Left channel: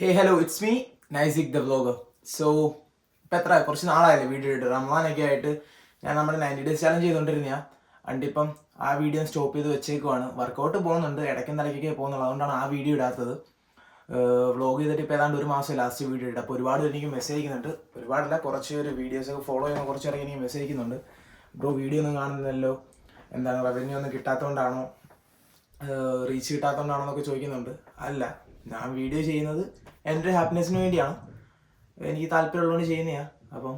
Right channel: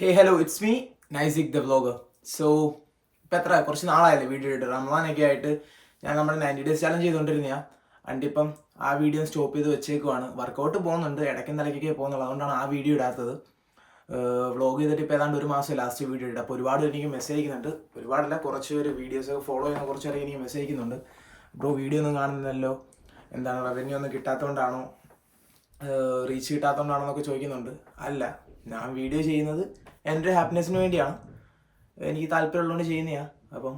Hey hello it's me Naisik the vlogger. So ഇപ്പം കുറച്ച് നാളായല്ലേ video ഇട്ട് റമദാനൊക്കെ ആയിട്ട് ഞാൻ നമ്മുടെ 90 ഡേയ്സ് ചാലഞ്ച് ചെയ്തുകൊണ്ടിരുന്നതാണ്. അണ്ടിപ്പം ആ വീഡിയോ സ്റ്റോപ്പ് ചെയ്ത് വെച്ചേക്കുവാണ്. വർക്കൗട്ട് പോകുന്നുണ്ട്, ഇടയ്ക്കും തലയ്ക്കൊക്കെ പോകുന്നുള്ളൂ, അതുകൊണ്ടാണ് ആ വീഡിയോ ഇടാത്തത്. വ്ലോഗ് ചെയ്തിട്ട് ഇപ്പോൾ ഏതാണ്ട് ഒരു മാസം ലാസ്റ്റ് വീഡിയോ ഇട്ട്. അപ്പോൾ ഒരുപാട് എനിക്ക് മെസ്സേജ് അയക്കുന്നുണ്ട്, ഒരുപാടല്ല കുറച്ച് ഒരു വീഡിയോസ് ഫോളോ ചെയ്യുന്ന കുറച്ച് പേരൊക്കെ എനിക്ക് മെസ്സേജ് അയക്കുന്നുണ്ട്. ബ്രോ വീഡിയോ ഒന്നും കാണുന്നില്ലല്ലോ, എന്താണ് റവന്യൂ ഒന്നും കിട്ടാത്തതുകൊണ്ടാണോ, റീച്ച് കിട്ടാത്തതുകൊണ്ടാണോ എന്നൊക്കെ ചോദിക്കുന്നുണ്ട്. അല്ല, ഞാൻ വീഡിയോ ചെയ്യുന്നത് എൻ്റെ ഹാപ്പിനെസ്സിന് വേണ്ടിയാണ്, എനിക്ക് താല്പര്യമുള്ളതുകൊണ്ട് ചെയ്യുന്നതാണ്. അപ്പം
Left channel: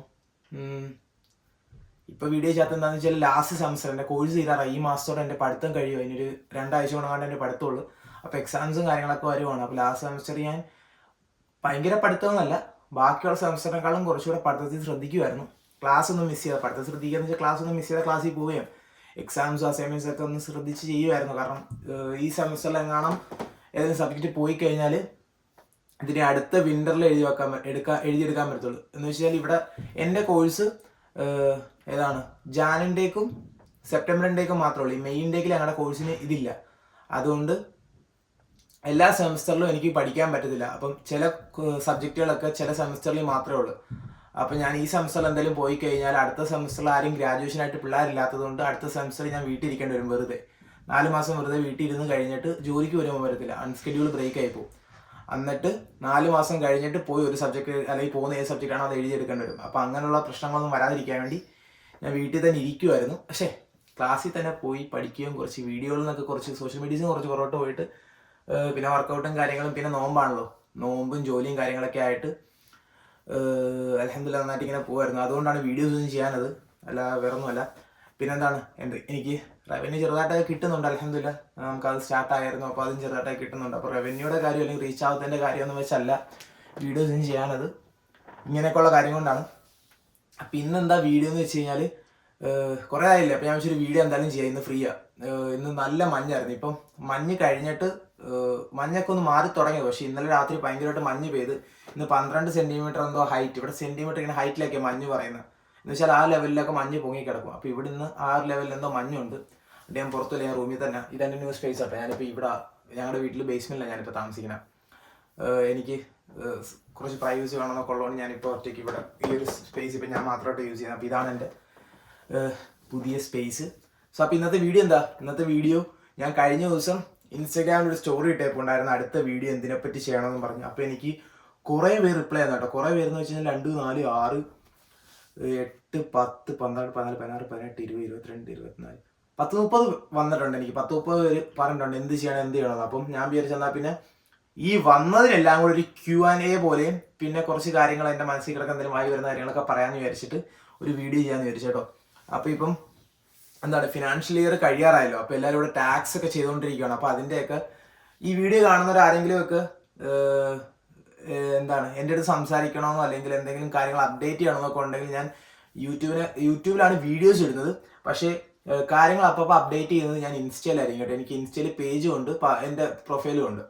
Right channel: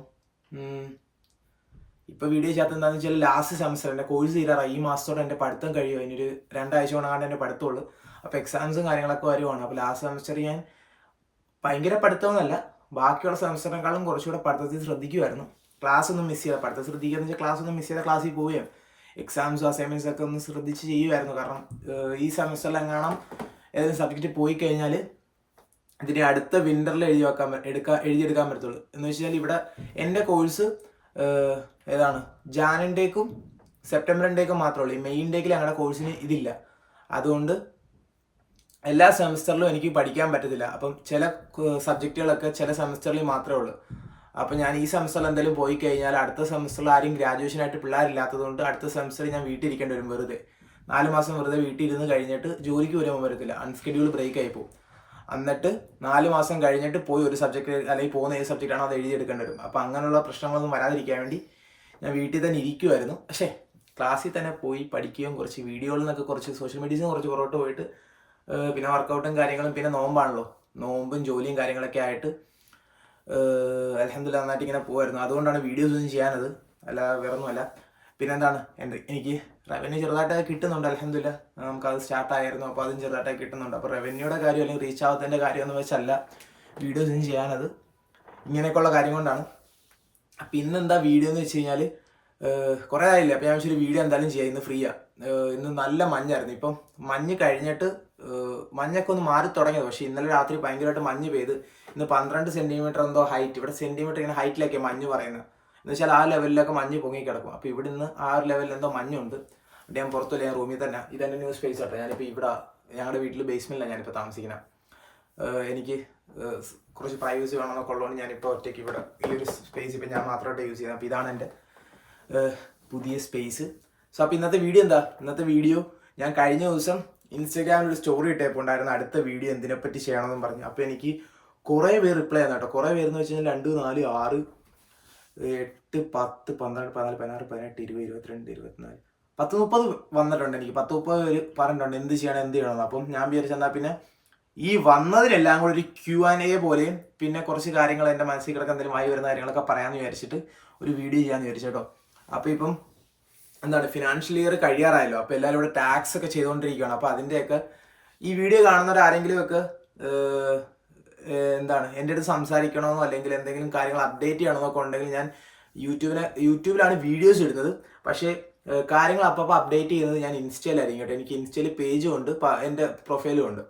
ഇപ്പോൾ വീഡിയോ ചെയ്യാത്ത എന്താണെന്ന് വെച്ചാൽ ലാസ്റ്റ് സെമസ്റ്റർ എൻ്റെ കോഴ്സ് തീരാറായി. ഈ മാസത്തോടെ എൻ്റെ പഠിത്തം കഴിയും, അതിനൊരു 2 ആഴ്ച കൊണ്ടാണ്ട് എൻ്റെ പഠിത്തമുള്ളൂ. അപ്പോൾ എക്സാംസും കാര്യങ്ങളൊക്കെ വരുവാണ്. അപ്പോൾ ലാസ്റ്റ് സെമസ്റ്റർ ഞാൻ ഭയങ്കര പഠിത്തമൊന്നുമല്ല, ബാക്കിയുള്ള സെമസ്റ്ററിനേക്കാളും കുറച്ചുകൂടെ പഠിത്തത്തിൽ ശ്രദ്ധിക്കുമായിരുന്നു. ക്ലാസ് ഒന്നും മിസ് ചെയ്താൽ പഠിത്തം ശ്രദ്ധിക്കുക എന്ന് വെച്ചാൽ ക്ലാസ് ഒന്നും മിസ് ചെയ്താൽ ക്ലാസ്സിൽ പോവുകയും എക്സാംസും അസൈൻമെൻറ്റ്സ് ഒക്കെ ഒന്ന് ശ്രദ്ധിച്ച് ചെയ്യുമായിരുന്നു. കാരണം ഈ സെമസ്റ്ററിൽ എങ്ങാനും ഏതെങ്കിലും സബ്ജക്റ്റ് പോയി കഴിഞ്ഞാൽ ഇതിനെ അടുത്ത വിൻ്ററിൽ എഴുതിയെടുക്കാൻ പറ്റത്തുള്ളൂ. എന്ന് വെച്ചാൽ ഇവിടെ എൻ്റെ കോഴ്സ് ഏതാണ് ജാനിൻ്റേക്കും സെപ്റ്റംബറിൻ്റേക്കും മാത്രമേ ഉള്ളൂ. ഈ മെയിൻ്റേക്കിൽ ഞങ്ങളുടെ കോഴ്സിന് ഇതില്ല. അതുകൊണ്ട് എല്ലാ സെമസ്റ്ററിലും എനിക്ക് പഠിക്കാൻ പറ്റത്തില്ല. അപ്പം ചില സബ്ജക്റ്റുകളൊക്കെ ചില സെമസ്റ്ററിൽ മാത്രമേ ഉള്ളൂ. അപ്പം ഞാൻ ഈ സെമസ്റ്ററിൽ എന്തെങ്കിലും പോയി കഴിഞ്ഞാൽ അടുത്ത സെമസ്റ്ററിൽ ആരും ഗ്രാജുവേഷനായിട്ട് പിള്ളേരില്ലാത്തതുകൊണ്ട് അടുത്ത സെമസ്റ്ററിൽ ഞാൻ വീട്ടിൽ ഇരിക്കേണ്ടി വരും. വെറുതെ 4 മാസം വെറുതെ വീട്ടിൽ ഇരുന്ന് കഴിഞ്ഞിട്ട് ജോലിക്ക് വരുമ്പോൾ വരത്തില്ല, അൺസ്കെഡ്യൂൾ ബ്രേക്ക് ആയി പോകും. എന്നിട്ട് 4 മാസം കഴിഞ്ഞിട്ട് പോയി ഒരു സബ്ജക്റ്റ് അല്ലെങ്കിൽ പോകുന്ന ഏത് സബ്ജക്റ്റാണോ അത് എഴുതിയെടുക്കേണ്ടി വരും. അപ്പോൾ അങ്ങനെയുള്ള പ്രശ്നങ്ങളൊന്നും വരാതിരിക്കാൻ വേണ്ടി ഞാൻ വീട്ടിൽ തന്നെ ഇരിക്കുമായിരുന്നു. പക്ഷേ ക്ലാസ്സിൽ തന്നെ പോയി പഠിക്കുകയും കുറച്ച് വീഡിയോകളിൽ നിന്നൊക്കെ കുറച്ച് സോഷ്യൽ മീഡിയയിൽ കുറച്ച് പുറകോട്ട് പോയിട്ട് പിന്നെ വർക്കൗട്ടും കാര്യങ്ങളും പിന്നെ നോമ്പാണല്ലോ, നോമ്പും ജോലിയും കാര്യങ്ങളൊക്കെ ആയിട്ട് അൽഹംദുലില്ലാഹ് നന്നായിട്ട് ഇങ്ങനെ പോകുമായിരുന്നു. അതുകൊണ്ടാണ് വീഡിയോസ് ഒന്നും ചെയ്യാനത്, അല്ല വേറൊന്നുമല്ല. പിന്നെ എന്താണ് എനിക്ക് റവന്യൂ ചെറുതായിട്ടൊക്കെ കിട്ടുന്നുണ്ട്, അൽഹംദുലില്ലാഹ്. നമുക്കത് സ്റ്റാർട്ടായിരുന്നു, അപ്പോൾ അതും ചെറുതായിട്ടൊക്കെ കിട്ടുന്നുണ്ട്. അപ്പോൾ റവന്യൂയുടെ കാര്യം അല്ലെങ്കിൽ റീച്ച് ആവാത്തതിൻ്റെ കാര്യം എന്ന് വെച്ചല്ല വീഡിയോസ് ഒന്നും ചെയ്യാനത്, ഇങ്ങനെയൊക്കെയുള്ള കാര്യം കൊണ്ടാണ്. അപ്പം ഇന്നെന്താ വീഡിയോ എന്ന് വെച്ച് കഴിഞ്ഞാൽ കുറേ ആയില്ലേ, അപ്പോൾ ഞാൻ വെച്ചൊരു വീഡിയോ എന്തായാലും ചെയ്യാം. ഇന്ന് ഫ്രീയാണ്. ഇന്ന് നല്ല മഞ്ഞായിരുന്നു. ഇപ്പം മഞ്ഞ് കഴിഞ്ഞിട്ട് മഞ്ഞൊക്കെ ഒന്ന് മാറി തുടങ്ങിയത്. പക്ഷേ ഇന്നലെ രാത്രി ഭയങ്കരമായിട്ട് മഞ്ഞ് പെയ്ത് ഇന്ന് 12 സെൻറ്റിമീറ്റർ എന്തോ ഹൈറ്റ്, ഇവിടെ സെൻറ്റിമീറ്റർ ഇങ്ങനെ ഹൈറ്റിലൊക്കെ മഞ്ഞ് പറയുന്നത്. എന്ന് വെച്ചാൽ ആ ലെവലിലൊക്കെ മഞ്ഞ് പൊങ്ങി കിടക്കും. അപ്പോൾ ഇവിടെ നിന്ന് ആ ഒരു ലെവലിൽ എന്തോ മഞ്ഞുണ്ട്. എന്നിട്ട് ഞാൻ പുറത്തില്ല, ഞാൻ റൂമിൽ തന്നെ. ഇതെൻ്റെ ന്യൂ സ്പേസ് ആട്ടെ. ഞാനിപ്പോൾ ഇവിടെ ഞങ്ങളുടെ വീട്ടിൽ ബേസ്മെൻറ്റിലാണ് ഞാനിപ്പോൾ താമസിക്കുന്നത്. എനിക്ക് കുറച്ച് പ്രൈവസി വേണമെന്നൊക്കെ ഉള്ളതുകൊണ്ട് ഞാനിപ്പോൾ ഒറ്റയ്ക്ക് ഇവിടെ ഈ ഒരു സ്പേസ് ഇപ്പം ഞാൻ മാത്രമായിട്ട് യൂസ് ചെയ്യുന്നത്. അപ്പോൾ ഇതാണ് എൻ്റെ പുതിയ സ്പേസ്. സോ അപ്പോൾ ഇന്നത്തെ വീഡിയോ എന്താ? ഇന്നത്തെ വീഡിയോ ഞാൻ കഴിഞ്ഞ ദിവസം ഇൻസ്റ്റാഗ്രാമിൽ ഒരു സ്റ്റോറി ഇട്ടപ്പോൾ ഉണ്ടായിരുന്ന അടുത്ത വീഡിയോ എന്തിനെപ്പറ്റി ചെയ്യണമെന്നും പറഞ്ഞു. അപ്പോൾ എനിക്ക് കുറേ പേര് റിപ്ലൈ ചെയ്യുന്നു കേട്ടോ. കുറേ പേരെന്ന് വെച്ച് കഴിഞ്ഞാൽ 2, 4, 6, 8, 10, 12, 14, 16, 17, 20, 22, 24, 10, 30 വന്നിട്ടുണ്ട്. എനിക്ക് 10, 30 പേര് പറഞ്ഞിട്ടുണ്ട് എന്ത് ചെയ്യണം എന്ത് ചെയ്യണമെന്ന്. അപ്പം ഞാൻ വിചാരിച്ചെന്നാൽ പിന്നെ ഈ വന്നതിനെല്ലാം കൂടെ ഒരു Q&A പോലെയും പിന്നെ കുറച്ച് കാര്യങ്ങൾ എൻ്റെ മനസ്സിൽ കിടക്കുന്ന എന്തെങ്കിലും ആയി വരുന്ന കാര്യങ്ങളൊക്കെ പറയാമെന്ന് വിചാരിച്ചിട്ട് ഒരു വീഡിയോ ചെയ്യാമെന്ന് വിചാരിച്ചു കേട്ടോ. അപ്പോൾ ഇപ്പം എന്താണ് ഫിനാൻഷ്യൽ ഇയർ കഴിയാറായല്ലോ. അപ്പോൾ എല്ലാവരും ഇവിടെ ടാക്സ് ഒക്കെ ചെയ്തുകൊണ്ടിരിക്കുകയാണ്. അപ്പോൾ അതിൻ്റെയൊക്കെ ഈ വീഡിയോ കാണുന്നവരാരെങ്കിലും ഒക്കെ എന്താണ് എൻ്റെ അടുത്ത് സംസാരിക്കണമെന്നോ അല്ലെങ്കിൽ എന്തെങ്കിലും കാര്യങ്ങൾ അപ്ഡേറ്റ് ചെയ്യണമെന്നൊക്കെ ഉണ്ടെങ്കിൽ ഞാൻ യൂട്യൂബിലാണ് വീഡിയോസ് ഇടുന്നത്. പക്ഷേ കാര്യങ്ങൾ അപ്പോൾ അപ്ഡേറ്റ് ചെയ്യുന്നത് ഞാൻ ഇൻസ്റ്റയിലായിരിക്കും കേട്ടോ. എനിക്ക് ഇൻസ്റ്റയിൽ പേജും ഉണ്ട്, എൻ്റെ പ്രൊഫൈലും ഉണ്ട്.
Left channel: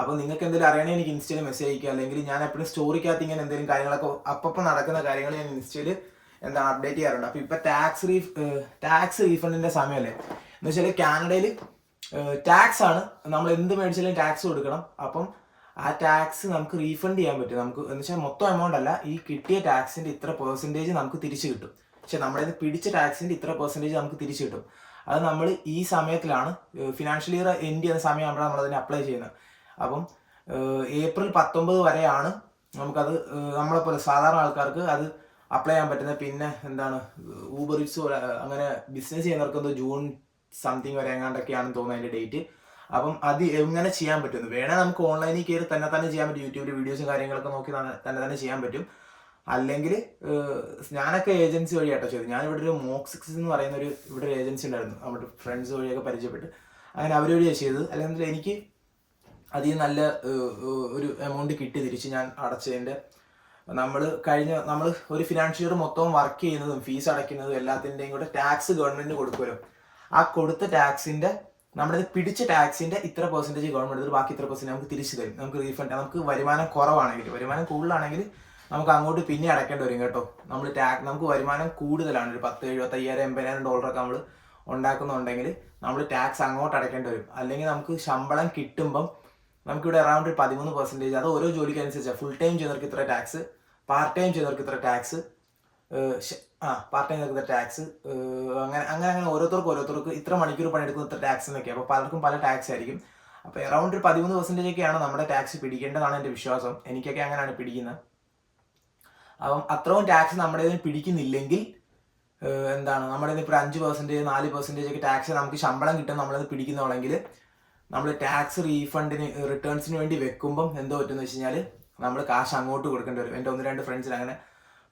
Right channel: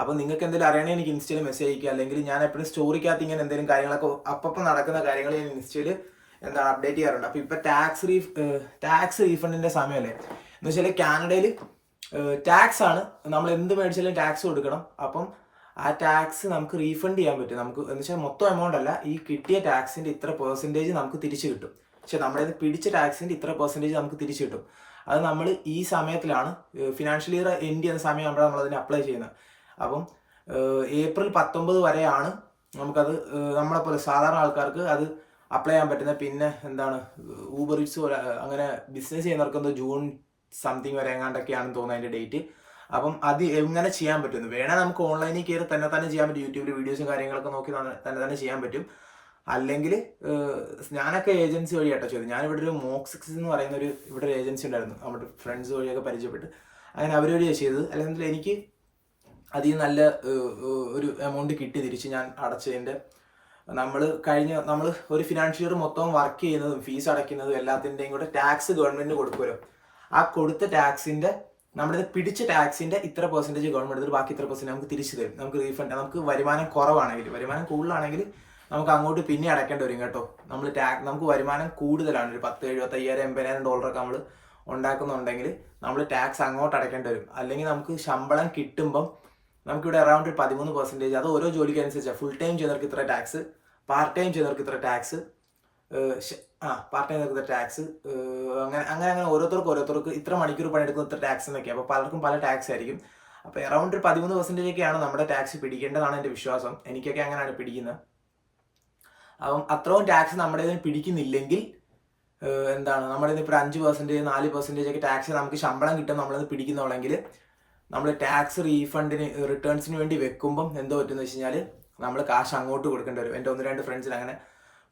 അപ്പോൾ നിങ്ങൾക്ക് എന്തെങ്കിലും അറിയണമെങ്കിൽ എനിക്ക് ഇൻസ്റ്റയിൽ മെസ്സേജ് അയക്കുക, അല്ലെങ്കിൽ ഞാൻ എപ്പോഴും സ്റ്റോറിക്കകത്ത് ഇങ്ങനെ എന്തെങ്കിലും കാര്യങ്ങളൊക്കെ അപ്പം നടക്കുന്ന കാര്യങ്ങൾ ഞാൻ ഇൻസ്റ്റയിൽ എന്താണ് അപ്ഡേറ്റ് ചെയ്യാറുണ്ട്. അപ്പോൾ ഇപ്പോൾ ടാക്സ് റീഫണ്ടിൻ്റെ സമയമല്ലേ. എന്ന് വെച്ചാൽ കാനഡയിൽ ടാക്സ് ആണ്, നമ്മൾ എന്ത് മേടിച്ചാലും ടാക്സ് കൊടുക്കണം. അപ്പം ആ ടാക്സ് നമുക്ക് റീഫണ്ട് ചെയ്യാൻ പറ്റും. നമുക്ക് എന്ന് വെച്ചാൽ മൊത്തം എമൗണ്ട് അല്ല, ഈ കിട്ടിയ ടാക്സിൻ്റെ ഇത്ര പെർസെൻറ്റേജ് നമുക്ക് തിരിച്ചു കിട്ടും. പക്ഷെ നമ്മളിത് പിടിച്ച ടാക്സിൻ്റെ ഇത്ര പെർസെൻറ്റേജ് നമുക്ക് തിരിച്ചു കിട്ടും. അത് നമ്മൾ ഈ സമയത്തിലാണ് ഫിനാൻഷ്യൽ ഇയർ എൻഡ് ചെയ്യുന്ന സമയമാകുമ്പോഴാണ് നമ്മളതിന് അപ്ലൈ ചെയ്യുന്നത്. അപ്പം ഏപ്രിൽ 19 വരെയാണ് നമുക്കത് നമ്മളെപ്പോലെ സാധാരണ ആൾക്കാർക്ക് അത് അപ്ലൈ ചെയ്യാൻ പറ്റുന്നത്. പിന്നെ എന്താണ് ഊബർ ഈറ്റ്സ് പോലെ അങ്ങനെ ബിസിനസ് ചെയ്യുന്നവർക്ക് എന്തോ ജൂൺ സംതിങ് വരെ എങ്ങാണ്ടൊക്കെയാണെന്ന് തോന്നുന്നത് അതിൻ്റെ ഡേറ്റ്. അപ്പം അത് എങ്ങനെ ചെയ്യാൻ പറ്റുന്നു വേണേൽ നമുക്ക് ഓൺലൈനിൽ കയറി തന്നെ ചെയ്യാൻ പറ്റും. യൂട്യൂബിൽ വീഡിയോസും കാര്യങ്ങളൊക്കെ നോക്കി തന്നെ ചെയ്യാൻ പറ്റും. അല്ലെങ്കിൽ ഞാനൊക്കെ ഏജൻസി വഴിയാട്ടോ ചെയ്തു. ഞാനിവിടെ ഒരു മോക്സിക്സ് എന്ന് പറയുന്ന ഇവിടെ ഒരു ഏജൻസി ഉണ്ടായിരുന്നു, നമ്മുടെ ഫ്രണ്ട്സ് വഴിയൊക്കെ പരിചയപ്പെട്ട് അങ്ങനെ അവർ വഴിയാണ് ചെയ്തത്. അല്ലെങ്കിൽ എനിക്ക് അതിൽ നല്ല ഒരു എമൗണ്ട് കിട്ടി തിരിച്ച് ഞാൻ അടച്ചതിൻ്റെ. നമ്മൾ ഒരു ഫിനാൻഷ്യൽ ഇയർ മൊത്തം വർക്ക് ചെയ്യുന്നതും ഫീസ് അടയ്ക്കുന്നതും എല്ലാത്തിൻ്റെയും കൂടെ ടാക്സ് ഗവൺമെൻറ്റിന് കൊടുക്കുമല്ലോ. ആ കൊടുത്ത ടാക്സിൻ്റെ നമ്മളിത് പിടിച്ച ടാക്സിൻ്റെ ഇത്ര പെർസെൻറ്റേജ് ഗവൺമെൻറ് എടുത്ത് ബാക്കി ഇത്ര പെർസെൻറ്റ് നമുക്ക് തിരിച്ചു തരും. നമുക്ക് റീഫണ്ട്, നമുക്ക് വരുമാനം കുറവാണെങ്കിൽ, വരുമാനം കൂടുതലാണെങ്കിൽ നമുക്ക് അങ്ങോട്ട് പിന്നെ അടയ്ക്കേണ്ടി വരും കേട്ടോ. നമുക്ക് വരുമാനം കൂടുതലാണ്, ഒരു 10, 75, 80,000 ഡോളറൊക്കെ നമ്മൾ ഉണ്ടാക്കുന്നുണ്ടെങ്കിൽ നമ്മൾ ടാക്സ് അങ്ങോട്ട് അടയ്ക്കേണ്ടി വരും. അല്ലെങ്കിൽ നമുക്ക് ശമ്പളം കിട്ടുമ്പം നമുക്കിവിടെ അറൗണ്ട് ഒരു 13%. അത് ഓരോ ജോലിക്ക് അനുസരിച്ചാണ്. ഫുൾ ടൈം ചെയ്യുന്നവർക്ക് ഇത്ര ടാക്സ്, പാർട്ട് ടൈം ചെയ്യുന്നവർക്ക് ഇത്ര ടാക്സ്, പാർട്ട് ടൈം ചെയ്യുന്നവർക്ക് ഇത്ര ടാക്സ്, അങ്ങനെ ഓരോരുത്തർക്ക് ഇത്ര മണിക്കൂർ പണിയെടുക്കുന്ന ഇത്ര ടാക്സ് എന്നൊക്കെ. അപ്പോൾ പലർക്കും പല ടാക്സ് ആയിരിക്കും. അപ്പോൾ അറൗണ്ട് ഒരു 13% ഒക്കെയാണ് നമ്മുടെ ടാക്സ് പിടിക്കേണ്ടതാണ് എൻ്റെ വിശ്വാസം. എനിക്കൊക്കെ അങ്ങനെയാണ് പിടിക്കുന്നത്. അപ്പം അത്രയും ടാക്സ് നമ്മുടെ ഇതിന് പിടിക്കുന്നില്ലെങ്കിൽ എന്താണ്, നമ്മുടെ ഇപ്പോൾ 5%, 4% ഒക്കെ ടാക്സ് നമുക്ക് ശമ്പളം കിട്ടും നമ്മളത് പിടിക്കുന്നുള്ളെങ്കിൽ, നമ്മൾ ടാക്സ് റീഫണ്ടിന് റിട്ടേൺസിന് വേണ്ടി വെക്കുമ്പം എന്തോ പറ്റുമെന്ന് വെച്ച് കഴിഞ്ഞാൽ നമ്മൾ കാശ് അങ്ങോട്ട് കൊടുക്കേണ്ടി വരും. എൻ്റെ 1-2 ഫ്രണ്ട്സിന് അങ്ങനെ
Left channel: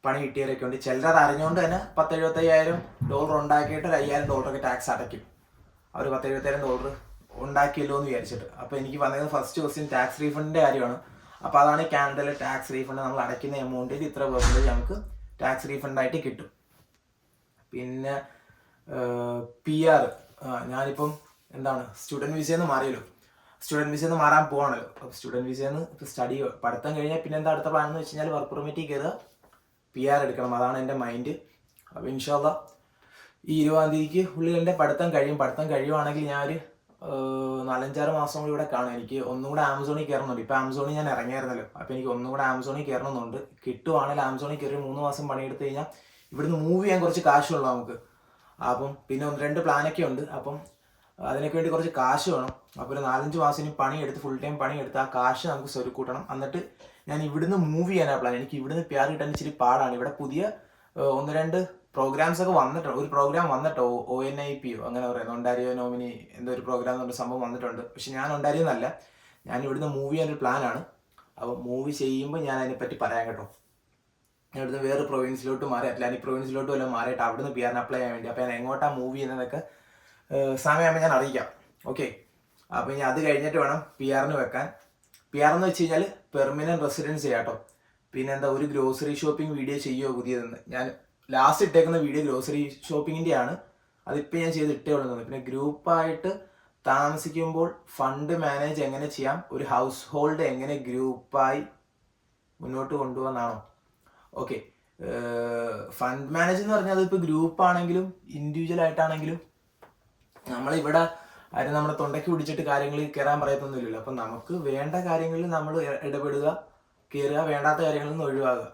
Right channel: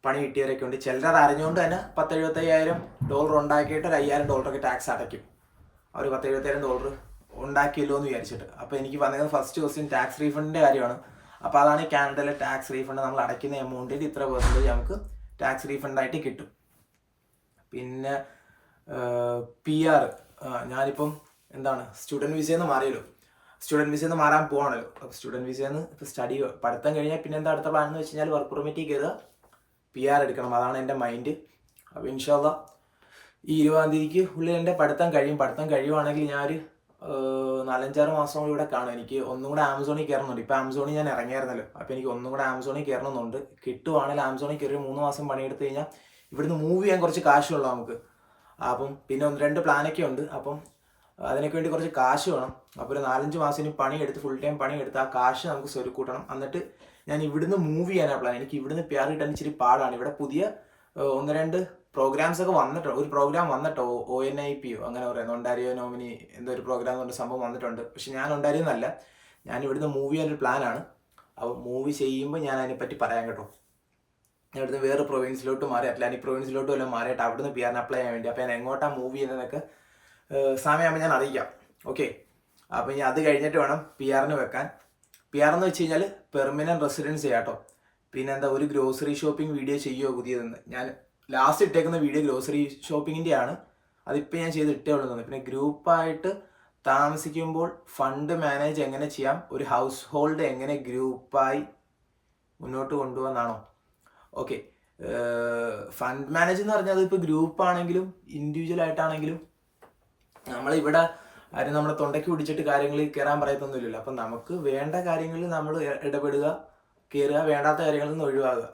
പണി കിട്ടിയവരൊക്കെ ഉണ്ട്. ചിലരത് അറിഞ്ഞുകൊണ്ട് തന്നെ $10,000-75,000 ഉണ്ടാക്കിയിട്ട് ഒരു $5,000 ടാക്സ് അടയ്ക്കും. അവർ $10,000-75,000 ഉണ്ടാക്കിയല്ലോ എന്ന് വിചാരിച്ചിട്ട്. അപ്പോൾ എനിക്ക് വന്നത് ഫസ്റ്റ് ക്വസ്റ്റ്യൻ ടാക്സ് റീഫണ്ടിൻ്റെ കാര്യമാണ്. അപ്പോൾ അതാണ് കാനഡയിലെ ടാക്സ് റീഫണ്ട്. നമ്മൾ അടയ്ക്കുന്ന എമൗണ്ടിൽ ഇത്ര % നമുക്ക് ടാക്സ് റീഫണ്ടായിട്ട് കിട്ടും. പിന്നെ PR, ഞാനിപ്പം എന്താണ് സ്റ്റുഡൻറ്റ് വിസയെന്ന് മാറിയല്ലോ, സ്റ്റുഡൻറ്റ് വിസയെന്ന് മാറാൻ പോവാണല്ലോ. അപ്പോൾ സ്റ്റുഡൻറ്റ് വിസയെന്ന് ഇപ്പോൾ പഠിത്തം കഴിഞ്ഞാൽ പിന്നെ എന്താ അടുത്ത പ്ലാൻ എന്ന് വെച്ച് കഴിഞ്ഞാൽ വർക്ക് പെർമിറ്റിൽ കയറുക, PR എടുക്കണം. അതാണ് എൻ്റെ മൈൻഡ്. അപ്പോൾ ഇൻഷാ അല്ലാഹ് ഈ 20-ാം തീയതിക്ക് ഉള്ളിൽ എൻ്റെ പഠിത്തം കഴിയുവാണെങ്കിൽ ഞാനൊരു 4-5-6 മാസം കൂടി ഇവിടെ കാണും. എനിക്ക് ഒന്നും കൂടെ ആമസോണിൽ കയറണമെന്നുണ്ട്. ഇപ്പോൾ ആമസോണിൽ ഞാൻ ഇറങ്ങിയായിരുന്നല്ലോ, അപ്പോൾ എനിക്ക് ഒന്നും കൂടെ ആമസോണിൽ കയറണമെന്നുണ്ട്. കിട്ടുവാണെങ്കിൽ ആമസോണിൽ കയറി 3 മാസം പണിയെടുത്ത് കഴിഞ്ഞാൽ ഇവിടുന്ന് മൂവ് ചെയ്യാൻ കുറച്ച് കാശുള്ളൂ നമുക്ക്. അപ്പം പിന്നെ 1-2 പ്ലാനൊക്കെ ഉണ്ട്. അപ്പം അതിനൊക്കെ വേണ്ടി കുറച്ച് കാശ് വേണം. അപ്പോൾ ഒരു 4-5 മാസം ഇനി പണിയെടുത്ത് ഫുൾ ടൈം പണിയെടുത്ത് ആ കാശ് നമുക്ക് സ്വരുക്കൂട്ടണം. എന്നിട്ട് ഞാൻ ഇവിടുന്ന് മൂവ് ചെയ്യാനാണ് പ്ലാൻ. എനിക്ക് ഇവിടുന്ന് PR കിട്ടാൻ ഇച്ചിരി പാടാണ്. ഇവിടെ പുതിയ 1-2 പ്രോഗ്രാംസ് ഒക്കെ വന്നിട്ടുണ്ട്. ഒരു പ്രോഗ്രാം വന്നിട്ടോ, ONIP അങ്ങനെ പറയുന്നത്, ഒണ്ടാരിയോ നോമിനി എന്തോ ഒരു പ്രോഗ്രാം എന്ന് പറഞ്ഞ സംഭവം വന്നിട്ടുണ്ട്. പക്ഷെ ഞാൻ ഒണ്ടാരിയോ എന്നല്ല, ഞാൻ ഇവിടുന്ന് മൂവ് ചെയ്യാനൊരു പ്ലാനാണ്. അപ്പോൾ മൂവ് ചെയ്യുമ്പോൾ ഞാൻ അതിനെപ്പറ്റി പറയാം കേട്ടോ. ഞാൻ ഇവിടുന്ന് വേറെ പ്രൊവിൻസിലോട്ട് മാറി, അറ്റ്ലാന്റിക് പ്രൊവിൻസിലോട്ട് വല്ലതും മാറിയിട്ട് അവിടുന്ന് PR അപ്ലൈ ചെയ്യാൻ വേണ്ടി. അപ്പോൾ ഞാൻ എങ്ങോട്ടാണ് മൂവ് ചെയ്യുന്നതൊക്കെ സമയമാകുമ്പോൾ ഞാൻ അറിയിക്കാം. ഓക്കെ, അപ്പോൾ ഇനി അത് കഴിഞ്ഞിട്ട് വേണം PR വെക്കാൻ. PR എന്ന് വെച്ച് കഴിഞ്ഞാൽ പെർമനൻറ്റ് റെസിഡൻസ് ചെയ്യാട്ടോ. പിന്നെ എന്താ, ഒരു ഗ്രോസറി ഷോപ്പിംഗ് വീഡിയോ ചെയ്യുമോ പുതിയതെന്ന്. ഞാൻ ലാസ്റ്റ് ഇട്ടേക്കുന്ന വീഡിയോ ഗ്രോസറി ഷോപ്പിങ്ങിൻ്റെ ആണ്. അതിപ്പോൾ ഞാൻ ചെയ്ത് ഉള്ളൂ. പിന്നെ ഗ്രൂപ്പായിട്ട് താമസിക്കുമ്പോൾ ഫണ്ട് മാനേജ് എങ്ങനെ ചെയ്യാം, ഒരു ഹൗസ് ഹോൾഡ് എങ്ങനെ ഗ്രൂപ്പായി മുന്നോട്ട് കൊണ്ടുപോകാനാണോ? ഓക്കെ, ഫണ്ട് മാനേജ് എന്ന് പറഞ്ഞാൽ അതിപ്പോൾ ഗ്രൂപ്പ് ആണെങ്കിലും ഇൻഡിവിജ്വൽ ആയിട്ടാണെങ്കിലും നമ്മളിവിടെ ആരും നമ്മുടെ തൊണ്ടയ്ക്ക് പിടിച്ചിട്ട് കാര്യങ്ങളിൽ കയറാൻ പറയത്തൊന്നുമില്ലല്ലോ. അപ്പം നമുക്ക് വേണ്ട കാര്യങ്ങളിൽ നമ്മൾ ഇടപെടുക, കയറുക, വേണ്ടാത്ത കാര്യങ്ങളിൽ നിന്ന് ഒഴിവാകുക.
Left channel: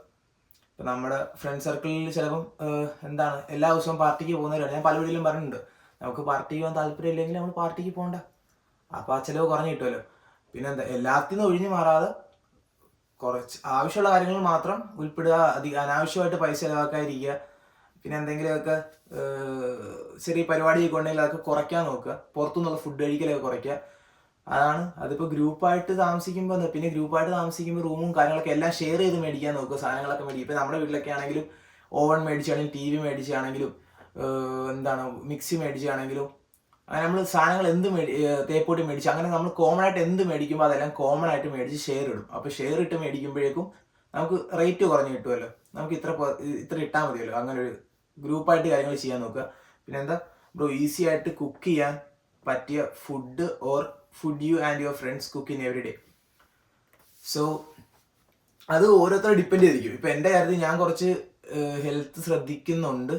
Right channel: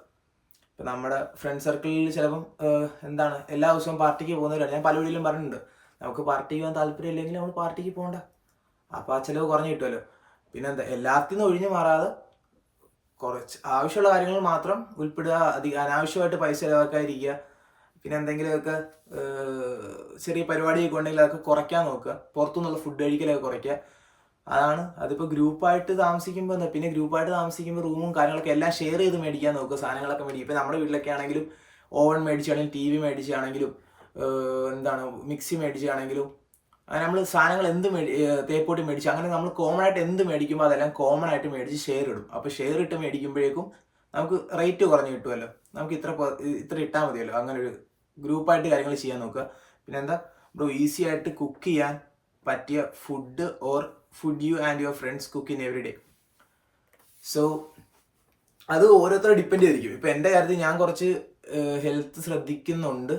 ഇപ്പം നമ്മുടെ ഫ്രണ്ട് സർക്കിളിൽ ചിലപ്പം എന്താണ് എല്ലാ ദിവസവും പാർട്ടിക്ക് പോകുന്നവരാണ്. ഞാൻ പല വീട്ടിലും പറഞ്ഞിട്ടുണ്ട്, നമുക്ക് പാർട്ടിക്ക് പോകാൻ താല്പര്യം ഇല്ലെങ്കിൽ നമ്മൾ പാർട്ടിക്ക് പോകണ്ട. അപ്പോൾ ആ ചിലവ് കുറഞ്ഞു കിട്ടുമല്ലോ. പിന്നെ എന്താ, എല്ലാത്തിനും ഒഴിഞ്ഞു മാറാതെ കുറച്ച് ആവശ്യമുള്ള കാര്യങ്ങൾ മാത്രം ഉൾപ്പെടുക, അനാവശ്യമായിട്ട് പൈസ ചിലവാക്കാതിരിക്കുക. പിന്നെ എന്തെങ്കിലുമൊക്കെ ചെറിയ പരിപാടിയൊക്കെ ഉണ്ടെങ്കിൽ അതൊക്കെ കുറയ്ക്കാൻ നോക്കുക. പുറത്തുനിന്നുള്ള ഫുഡ് കഴിക്കലൊക്കെ കുറയ്ക്കുക. അതാണ്. അതിപ്പോൾ ഗ്രൂപ്പായിട്ട് താമസിക്കുമ്പോൾ എന്താ, പിന്നെ ഗ്രൂപ്പായിട്ട് താമസിക്കുമ്പോൾ റൂമും കാര്യങ്ങളൊക്കെ എല്ലാം ഷെയർ ചെയ്ത് മേടിക്കാൻ നോക്കുക. സാധനങ്ങളൊക്കെ മേടിക്കും. ഇപ്പോൾ നമ്മുടെ വീട്ടിലൊക്കെ ആണെങ്കിലും ഓവൻ മേടിച്ചാണെങ്കിലും TV മേടിച്ചാണെങ്കിലും എന്താണ് മിക്സി മേടിച്ചാണെങ്കിലും അങ്ങനെ നമ്മൾ സാധനങ്ങൾ എന്ത് തേപ്പൊട്ടി മേടിച്ച് അങ്ങനെ നമ്മൾ കോമൺ ആയിട്ട് എന്ത് മേടിക്കുമ്പോൾ അതെല്ലാം കോമൺ ആയിട്ട് മേടിച്ച് ഷെയർ ഇടും. അപ്പോൾ ഷെയർ ഇട്ട് മേടിക്കുമ്പോഴേക്കും നമുക്ക് റേറ്റ് കുറഞ്ഞ് കിട്ടുമല്ലോ. നമുക്ക് ഇത്ര ഇട്ടാൽ മതിയല്ലോ. അങ്ങനെ ഒരു ഗ്രൂപ്പായിട്ട് കാര്യങ്ങൾ ചെയ്യാൻ നോക്കുക. പിന്നെ എന്താ ബ്രോ, ഈസി ആയിട്ട് കുക്ക് ചെയ്യാൻ പറ്റിയ food or food you and your friends cook in every day? So അത് ഓരോരുത്തരെ ഡിപ്പെൻഡ് ചെയ്തിരിക്കും. ഇപ്പം എൻ്റെ കാര്യത്തിൽ ഞാൻ കുറച്ച് ഹെൽത്ത് ശ്രദ്ധിക്കുന്നുണ്ട്.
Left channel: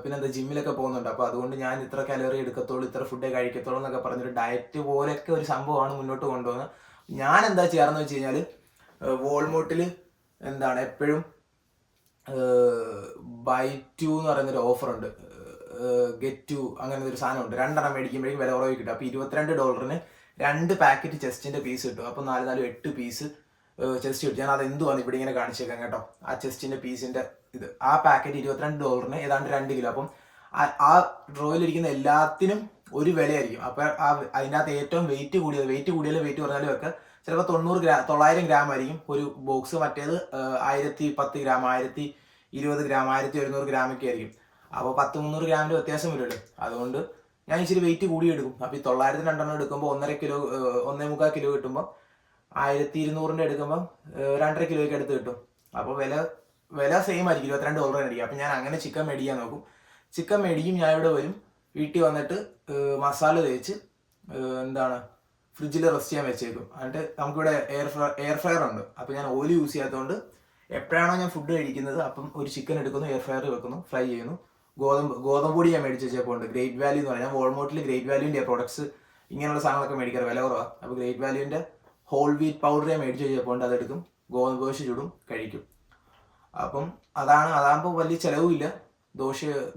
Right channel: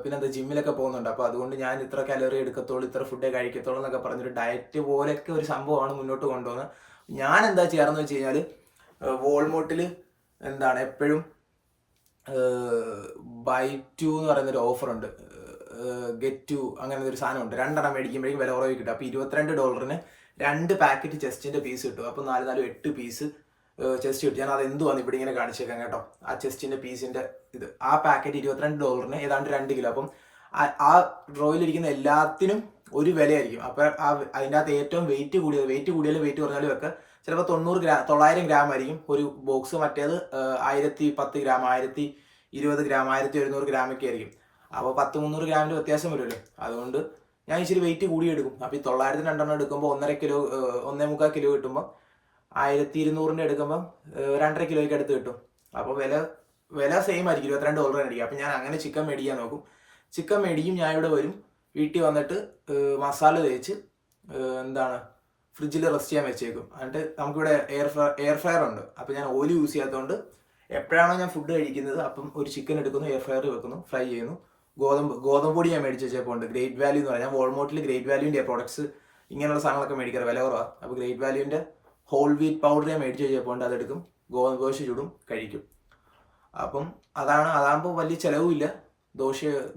പിന്നെ എന്താ, ജിമ്മിലൊക്കെ പോകുന്നുണ്ട്. അപ്പോൾ അതുകൊണ്ട് ഞാൻ ഇത്ര കലോറി എടുക്കത്തുള്ളൂ, ഇത്ര ഫുഡേ കഴിക്കത്തുള്ളൂ എന്നൊക്കെ പറഞ്ഞൊരു ഡയറ്റ് പോലെയൊക്കെ ഒരു സംഭവമാണ് മുന്നോട്ട് കൊണ്ടുപോകുന്നത്. ഞാൻ എന്താ ചെയ്യാറെന്ന് വെച്ച് കഴിഞ്ഞാൽ, വോൾമോട്ടിൽ എന്താണ് എപ്പോഴും buy 2 എന്ന് പറയുന്നൊരു ഓഫറുണ്ട്, get 2 അങ്ങനത്തെ ഒരു സാധനമുണ്ട്. 2 എണ്ണം മേടിക്കുമ്പോഴേക്കും വില കുറവ് കിട്ടും. അപ്പോൾ $22 2 പാക്കറ്റ് ചെസ്റ്റിൻ്റെ പീസ് കിട്ടും. അപ്പോൾ 8 പീസ് ചെസ്റ്റ് കിട്ടും. ഞാൻ അത് എന്തുവാന്ന് ഇവിടെ ഇങ്ങനെ കാണിച്ചേക്കാം കേട്ടോ. ആ ചെസ്റ്റിൻ്റെ പീസിൻ്റെ ഇത്, ആ പാക്കറ്റ് $22 ഏതാണ്ട് 2 കിലോ. അപ്പം ആ ഡ്രോയിലിരിക്കുന്ന എല്ലാത്തിനും ഒരു വിലയായിരിക്കും. അപ്പോൾ അതിൻ്റെ അകത്ത് ഏറ്റവും വെയിറ്റ് കൂടിയാലും വെയിറ്റ് കുറഞ്ഞാലും ഒക്കെ ചിലപ്പോൾ 900 ഗ്രാം ആയിരിക്കും ഒരു ബോക്സ്. മറ്റേത് 1010 ഗ്രാം, 1020 ഗ്രാം, 1100 ഗ്രാമൊക്കെ ആയിരിക്കും. അപ്പോൾ 10-300 ഗ്രാമിൻ്റെ വ്യത്യാസം വരുമല്ലോ. അതുകൊണ്ട് ഞാൻ ഇച്ചിരി വെയിറ്റ് കൂടി എടുക്കും. അപ്പോൾ ഈ 900 2 എടുക്കുമ്പോൾ 1.5 കിലോ 1.25 കിലോ കിട്ടുമ്പോൾ 1200 എടുക്കുമ്പം 2.5 കിലോയ്ക്ക് അടുത്ത് കിട്ടും. അപ്പോൾ വില സെയിം ആയിരിക്കും, $22 ആയിരിക്കും. അപ്പം ഞാൻ അങ്ങനെ ചിക്കൻ മേടിക്കാൻ നോക്കും. ചിക്കൻ മേടിക്കും, ഞാൻ ഇവിടെ വരും, വീട്ടിൽ വന്നിട്ട് മസാല തേച്ച് എന്താണ് ഫ്രിഡ്ജിൽ റെസ്റ്റ് ചെയ്യാൻ വെച്ചേക്കും. എന്നിട്ട് നമുക്കിവിടെ എയർ ഫ്രയർ ഉണ്ട്. അപ്പോൾ ഞാൻ ഓയിൽ യൂസ് ചെയ്യാത്തതുകൊണ്ട് എപ്പോഴാണോ ഞാൻ ഫുഡ് കഴിക്കുന്നത് അപ്പം ഒരു ചിക്കൻ എടുക്കുന്നു, എയർ ഫ്രയർ വെക്കുന്നു, ഫ്രൈ ചെയ്യുന്നു. ഗോതമ്പ് പൊടി ഞാൻ മേടിച്ച് വെച്ചപ്പോൾ ഉണ്ട്, ഗ്രേറ്റ് വാല്യൂ എന്ന് പറഞ്ഞാൽ. വോൾമോട്ടിൽ ഗ്രേറ്റ് വാല്യൂൻ്റെ പ്രോഡക്ട്സ് ഇങ്ങനെയുള്ള സാധനങ്ങളൊക്കെ മേടിക്കാറ് വില കുറവാണ്. അപ്പോൾ ഗ്രേറ്റ് വാല്യൂൻ്റെ ഹോൾ വീറ്റ് പൗഡറെ മേടിച്ച് കഴിഞ്ഞപ്പോൾ അതെടുക്കും, ഗോതമ്പ് ദോശ ചുടും, കഴിക്കും. അപ്പം അതാകുമ്പോൾ വലിയ ചിലവുമില്ല,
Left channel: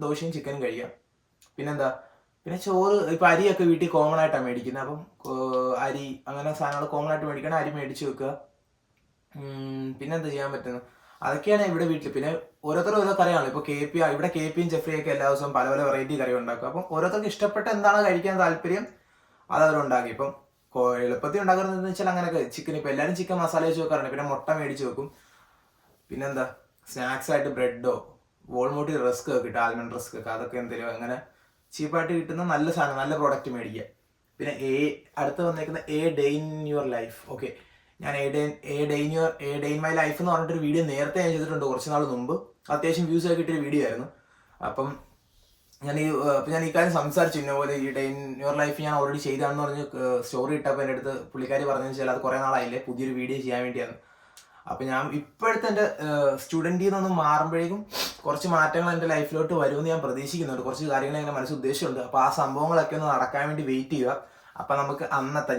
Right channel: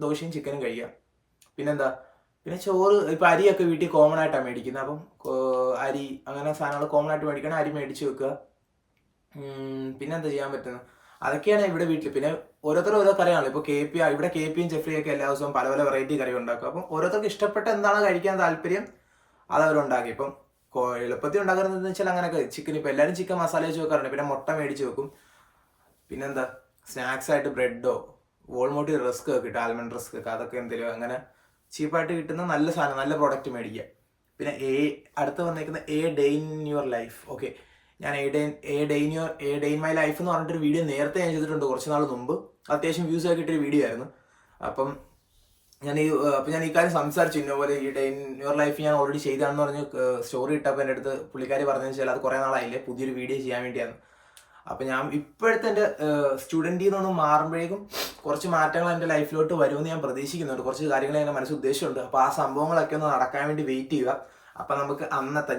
ദോശയും ചിക്കനും കഴിക്കാം. പിന്നെന്താ, പിന്നെ ചോറ്, ഇപ്പം അരിയൊക്കെ വീട്ടിൽ കോമൺ ആയിട്ടാണ് മേടിക്കുന്നത്. അപ്പം അരി അങ്ങനെ സാധനങ്ങൾ കോമൺ ആയിട്ട് മേടിക്കണം, അരി മേടിച്ച് വെക്കുക. പിന്നെന്താ ചെയ്യാൻ പറ്റുന്നത്, അതൊക്കെയാണ് ഇവിടെ വീട്ടിൽ. പിന്നെ ഓരോരുത്തരും ഓരോ കറിയാണല്ലോ. ഇപ്പോൾ ഇവിടെ KP യും ജെഫ്രിയൊക്കെ എല്ലാ ദിവസവും പല പല വെറൈറ്റി കറി ഉണ്ടാക്കും. അപ്പം ഓരോരുത്തർക്ക് ഇഷ്ടപ്പെട്ട എന്താണ് കഴിക്കാൻ താല്പര്യം അതവരുണ്ടാക്കി. ഇപ്പം എളുപ്പത്തിൽ ഉണ്ടാക്കുന്നതെന്ന് വെച്ചാൽ അങ്ങനെയൊക്കെ ചിക്കൻ, ഇപ്പം എല്ലാവരും ചിക്കൻ മസാല വെച്ച് വെക്കാറുണ്ട്. പിന്നെ മുട്ട മേടിച്ച് വെക്കും. പിന്നെന്താ, സ്നാക്സ് ആയിട്ട് ബ്രെഡോ വോൾമോട്ടി റസ്ക് ഒക്കെ കിട്ടും, ആൽമണ്ട് റസ്ക് ഒക്കെ, അതൊക്കെ എന്തെങ്കിലും അങ്ങനെ ചീപ്പായിട്ട് കിട്ടുന്ന നല്ല സാധനം, നല്ല പ്രോഡക്റ്റ് മേടിക്കുക. പിന്നെ അടുത്ത് വന്നേക്കുന്ന a day in your life. Okay, ഞാൻ a day in my life എന്ന് പറഞ്ഞിട്ടൊരു വീഡിയോ നേരത്തെ ഞാൻ ചെയ്തിട്ടുണ്ട്, കുറച്ച് നാൾ മുമ്പ്. അത്യാവശ്യം വ്യൂസ് ഒക്കെ കിട്ടിയൊരു വീഡിയോ ആയിരുന്നു. അപ്പം ഞാൻ ഈ കാര്യം സംസാരിച്ചു. ഇന്നപോലെ ഈ ഡേ ഇൻ യുവർ ലൈഫ് ഞാൻ ഓൾറെഡി ചെയ്താണെന്ന് പറഞ്ഞ് സ്റ്റോറി ഇട്ടപ്പോൾ എൻ്റെ അടുത്ത് പുള്ളിക്കാരി പറഞ്ഞതെന്ന് വെച്ചാൽ അത് കുറേ നാളായില്ലേ, പുതിയൊരു വീഡിയോ ചെയ്യാൻ വേണ്ടിയാണ്. അപ്പം ഞാൻ ഇപ്പോഴത്തെ എൻ്റെ സ്റ്റുഡൻറ്റിൽ നിന്നൊന്നും മാറുമ്പോഴേക്കും കുറച്ച് മാറ്റങ്ങൾ എൻ്റെ ലൈഫിലോട്ട് വരുമെന്ന് ഞാൻ പ്രതീക്ഷിക്കുന്നുണ്ട്. കുറച്ച് കാര്യങ്ങൾ എൻ്റെ മനസ്സിൽ ഉദ്ദേശമുണ്ട്. അപ്പോൾ ആ സംഭവങ്ങളൊക്കെ ഒന്ന് നടക്കാൻ വേണ്ടി വെയിറ്റ് ചെയ്യുക. അപ്പം നമുക്ക്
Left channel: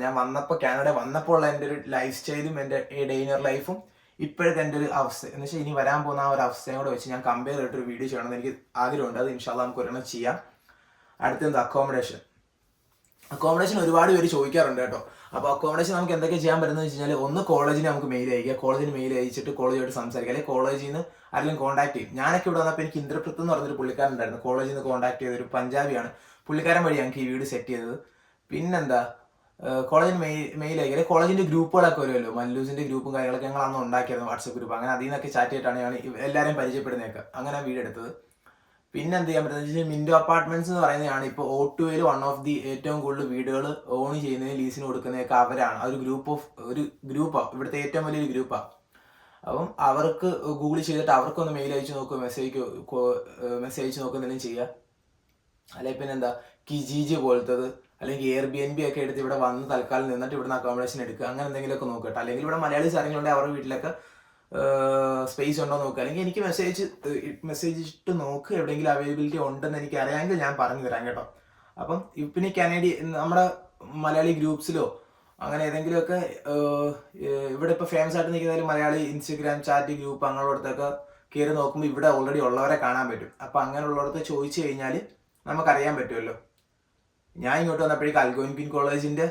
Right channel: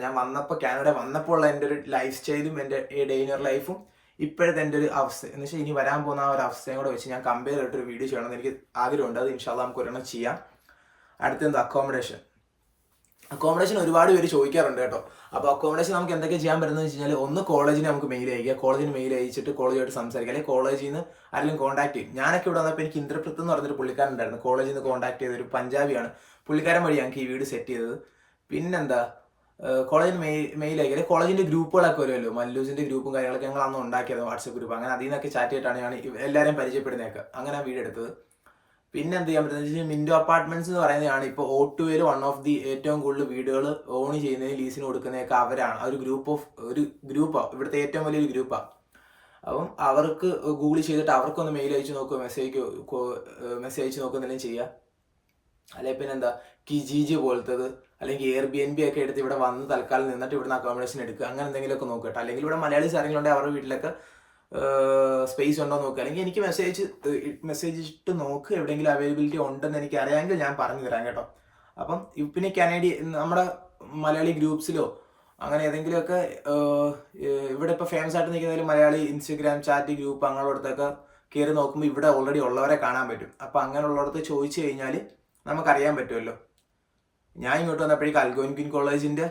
ഞാൻ വന്നപ്പോൾ കാനഡ വന്നപ്പോൾ ഉള്ള എൻ്റെ ഒരു ലൈഫ് സ്റ്റൈലും എൻ്റെ ഡേ ഇൻ യുവർ ലൈഫും ഇപ്പോഴത്തെ എൻ്റെ ഒരു അവസ്ഥ എന്ന് വെച്ചാൽ ഇനി വരാൻ പോകുന്ന ആ ഒരു അവസ്ഥയും കൂടെ വെച്ച് ഞാൻ കമ്പയർ ചെയ്തിട്ടൊരു വീഡിയോ ചെയ്യണമെന്ന് എനിക്ക് ആഗ്രഹമുണ്ട്. അത് ഇൻഷാല്ലാ നമുക്ക് ഒരെണ്ണം ചെയ്യാം. അടുത്തെന്ത്, അക്കോമഡേഷൻ ഒരുപാട് പേര് ചോദിക്കാറുണ്ട് കേട്ടോ. അപ്പോൾ അക്കോമഡേഷൻ നമുക്ക് എന്തൊക്കെ ചെയ്യാൻ പറ്റുന്നത് വെച്ച് കഴിഞ്ഞാൽ, ഒന്ന് കോളേജിന് നമുക്ക് മെയിൽ അയക്കുക, കോളേജിന് മെയിൽ അയച്ചിട്ട് കോളേജുമായിട്ട് സംസാരിക്കുക, അല്ലെങ്കിൽ കോളേജിൽ നിന്ന് ആരെങ്കിലും കോൺടാക്ട് ചെയ്യും. ഞാനൊക്കെ ഇവിടെ വന്നപ്പോൾ എനിക്ക് ഇന്ദ്രപ്രത്ത് എന്ന് പറഞ്ഞൊരു പുള്ളിക്കാരൻ ഉണ്ടായിരുന്നു, കോളേജിൽ നിന്ന് കോൺടാക്ട് ചെയ്തൊരു പഞ്ചാബിയാണ്. പുള്ളിക്കാരൻ വഴി ഞങ്ങൾക്ക് ഈ വീട് സെറ്റ് ചെയ്തത്. പിന്നെന്താ, കോളേജിന് മെയിൽ അയക്കുക, കോളേജിൻ്റെ ഗ്രൂപ്പുകളൊക്കെ വരുമല്ലോ, മല്ലൂസിൻ്റെ ഗ്രൂപ്പും കാര്യങ്ങളൊക്കെ ഞങ്ങൾ അന്ന് ഉണ്ടാക്കിയായിരുന്നു, വാട്സപ്പ് ഗ്രൂപ്പ്. അങ്ങനെ അതിൽ നിന്നൊക്കെ ചാറ്റ് ചെയ്തിട്ടാണ് ഞാൻ എല്ലാവരെയും പരിചയപ്പെടുന്നതൊക്കെ. അങ്ങനെ വീടെടുത്തത്. പിന്നെ എന്ത് ചെയ്യാൻ പറ്റുന്നത് വെച്ചാൽ, മിൻറ്റോ അപ്പാർട്ട്മെന്റ്സ് എന്ന് പറയുന്നതാണ് ഇപ്പോൾ O2 വൺ ഓഫ് ദി ഏറ്റവും കൂടുതൽ വീടുകൾ ഓൺ ചെയ്യുന്നതിന് ലീസിന് കൊടുക്കുന്നതൊക്കെ അവരാണ്. ഒരു ഗ്രൂപ്പാണ്, ഇവിടുത്തെ ഏറ്റവും വലിയൊരു ഗ്രൂപ്പാണ്. അപ്പം അവർക്ക് ഗൂഗിൾ ചെയ്തിട്ട് അവർക്കൊന്ന് മെയിൽ അയച്ച് നോക്കുക, മെസ്സേജ് അയച്ച് നോക്കുന്നെങ്കിലും ചെയ്യുക. അല്ലെങ്കിൽ പിന്നെ എന്താ, കിജിജി പോലത്തത് അല്ലെങ്കിൽ Airbnb ഒക്കെ എടുത്ത് ഇവിടെ വന്ന് തൽക്കാലം നിന്നിട്ട് ഇവിടുന്ന് അക്കോമഡേഷൻ എടുക്കുക, അങ്ങനെ എന്തെങ്കിലുമൊക്കെ നോക്കട്ടെ. അല്ലെങ്കിൽ ഇവിടെ മലയാളീസ് ആരെങ്കിലും അവരുടെ വീട്ടിലൊക്കെ സ്പേസ് ഉണ്ടോ നോക്കുക. അല്ലെങ്കിൽ എനിക്ക് മെസ്സേജ് ഇട്ട് നോക്ക്, എവിടെയെങ്കിലും അവൈലബിലിറ്റി ഉണ്ടെന്ന് എനിക്ക് അറിയാമെങ്കിൽ ഞാൻ പറഞ്ഞു തരാം കേട്ടോ. അപ്പം പിന്നെ നമ്മുടെ മലയാളി ഗ്രൂപ്പ്സിലോ അങ്ങനെ ഏതെങ്കിലുമൊക്കെ ഇവിടെ ഇപ്പോൾ ഫേമസ് ആയിട്ട് നിൽക്കുന്നതിൽ മലയാളി ഇൻസ്റ്റഗ്രാം ചാറ്റ് ഗ്രൂപ്പ് അങ്ങനെയുള്ളടത്തൊക്കെ കയറി നോക്കുമ്പോൾ ഇവിടെ ഓൾറെഡി ഉള്ളവരെ കാണാൻ പറ്റും. അപ്പം അങ്ങനെയുള്ളടത്ത് ചോദിച്ചു കഴിഞ്ഞാൽ നമുക്കറിയാൻ പറ്റുമല്ലോ. ഞാൻ ഇങ്ങോട്ട് വന്നപ്പോഴേക്കും അൽഗോൻക്വിൻ കോളേജിൻ്റെ,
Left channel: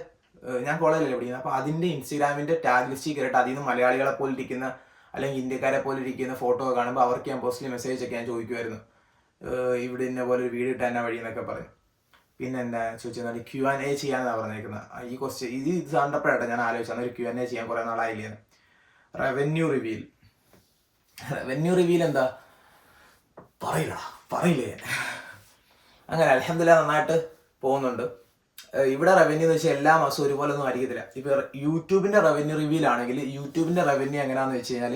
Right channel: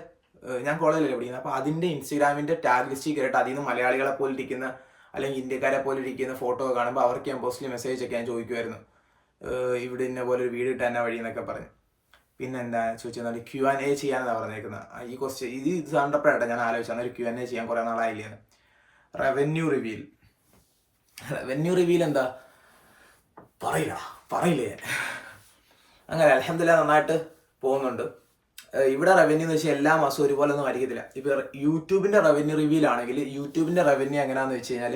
ഞാൻ കോളേജിലല്ലേ പഠിക്കുന്നത്, അപ്പോൾ അതിൻ്റെ ഇൻസ്റ്റഗ്രാമിൻ്റെ ടാഗ് ലിസ്റ്റിൽ കയറിയിട്ട് അതിൽ നിന്ന് മലയാളികളെ പോലെ ഇരിക്കുന്ന അല്ലെങ്കിൽ ഇന്ത്യക്കാരെ പോലെ ഇരിക്കുന്ന ഫോട്ടോ കാണുമ്പോൾ അവർക്ക് ഞാൻ പോസ്റ്റലി മെസ്സേജൊക്കെ ഞാൻ ചോദിക്കുമായിരുന്നു, ഇവിടെ ഇന്ന പോലെ ഒരു വീട് ഇട്ടാൻ വഴി എന്നൊക്കെ പറഞ്ഞു. പിന്നെ എന്താ ചോദിച്ചാൽ Q&A ചെയ്യാനാണ് പറഞ്ഞേക്കുന്നത്. ഈ ക്വസ്റ്റ്യൻ ഇത് കണ്ടപ്പോഴാട്ടോ ഞാൻ ആലോചിച്ചത് ഒരു Q&A ചെയ്യാൻ കുറേ നാളായില്ലേന്ന്. റവന്യൂ റിവീൽ എന്താ പറയില്ലേ അങ്ങനെ അൽഹംദുലില്ലാഹ് നന്നായിട്ട് പോകുന്നുണ്ട്. ഇവിടെ റവന്യൂ എന്ന് വെച്ചാൽ എല്ലാ മാസവും ഒരുപോലെ ഒന്നും ആയിരിക്കത്തില്ല. ഇപ്പോൾ യൂട്യൂബിൻ്റെ റവന്യൂ റിവീൽ ആണെങ്കിൽ യൂട്യൂബിൻ്റെ റവന്യൂ എങ്ങനെയാണെന്ന് വെച്ച് കഴിഞ്ഞാൽ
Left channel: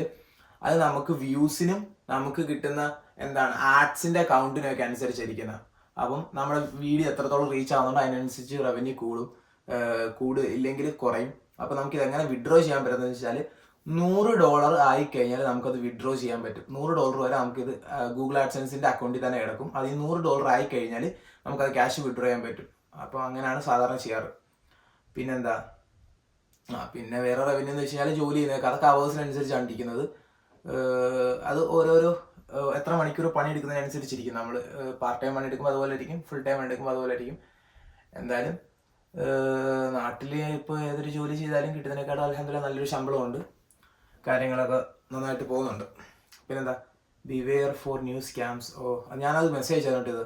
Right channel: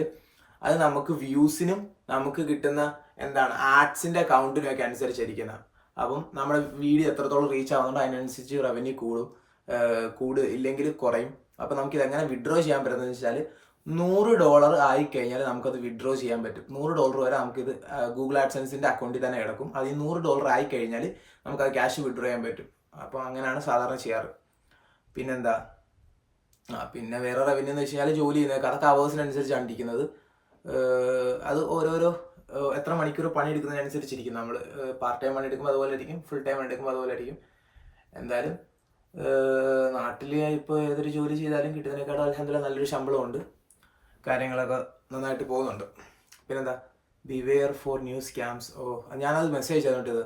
അത് നമുക്ക് വ്യൂസിനും നമുക്ക് കിട്ടുന്ന ആഡ്സിൻ്റെ കൗണ്ടിനും ഒക്കെ അനുസരിച്ചിരിക്കുന്നത്. അപ്പം നമ്മുടെ വീഡിയോ എത്രത്തോളം റീച്ച് ആവുന്നുണ്ടോ അതിനനുസരിച്ച് റവന്യൂ ഇല്ലെങ്കിൽ കുറയും. അപ്പം നമുക്കിത് എങ്ങനെ വിഡ്രോ ചെയ്യാൻ പറ്റുന്നതെന്ന് വെച്ചാൽ $100 ആയിക്കഴിഞ്ഞാൽ നമുക്കത് വിഡ്രോ ചെയ്യാൻ പറ്റും. $100 വരെ നമുക്കിത് ഗൂഗിൾ ആഡ്സെൻസിൻ്റെ അക്കൗണ്ടിൽ തന്നെ കിടക്കും. അത് ഈ $100 ആയിക്കഴിഞ്ഞാൽ നമുക്കത് ക്യാഷ് വിഡ്രോ ചെയ്യാൻ പറ്റും. അപ്പോൾ അങ്ങനെയാണ് സാധാരണ ചെയ്യാറ്. പിന്നെന്താ, പിന്നെ വേറെ റവന്യൂ എന്ന് വെച്ച് കഴിഞ്ഞാൽ ജോലി ചെയ്യുന്നതൊക്കെ അതൊക്കെ അവേഴ്സിനനുസരിച്ചാണ് ഇരിക്കുന്നത്. അത് ഓരോരോ എത്ര മണിക്കൂർ പണിയെടുക്കുന്നതിനനുസരിച്ചിരിക്കും. നമ്മൾ പാർട്ട് ടൈം പണി എടുക്കുമ്പോൾ അതുപോലെ ആയിരിക്കും, ഫുൾ ടൈം പണി എടുക്കുമ്പോൾ അതുപോലെ ആയിരിക്കും. എന്തായാലും നാട്ടിൽ ഇപ്പോൾ ഏതൊരു ജോലി ചെയ്താലും കിട്ടുന്നതിനേക്കാളും അൽഹംദുലില്ലാഹ് നല്ലൊരു ശമ്പളമുണ്ട്, കാര്യങ്ങളൊക്കെ നന്നായിട്ട് പോകുന്നുണ്ട്. പിന്നെന്താ, ബിവെയർ ഫോർ ന്യൂ സ്കാംസ്. ഞാനത് മെസ്സേജ് ചെയ്തോണ്ടിത്.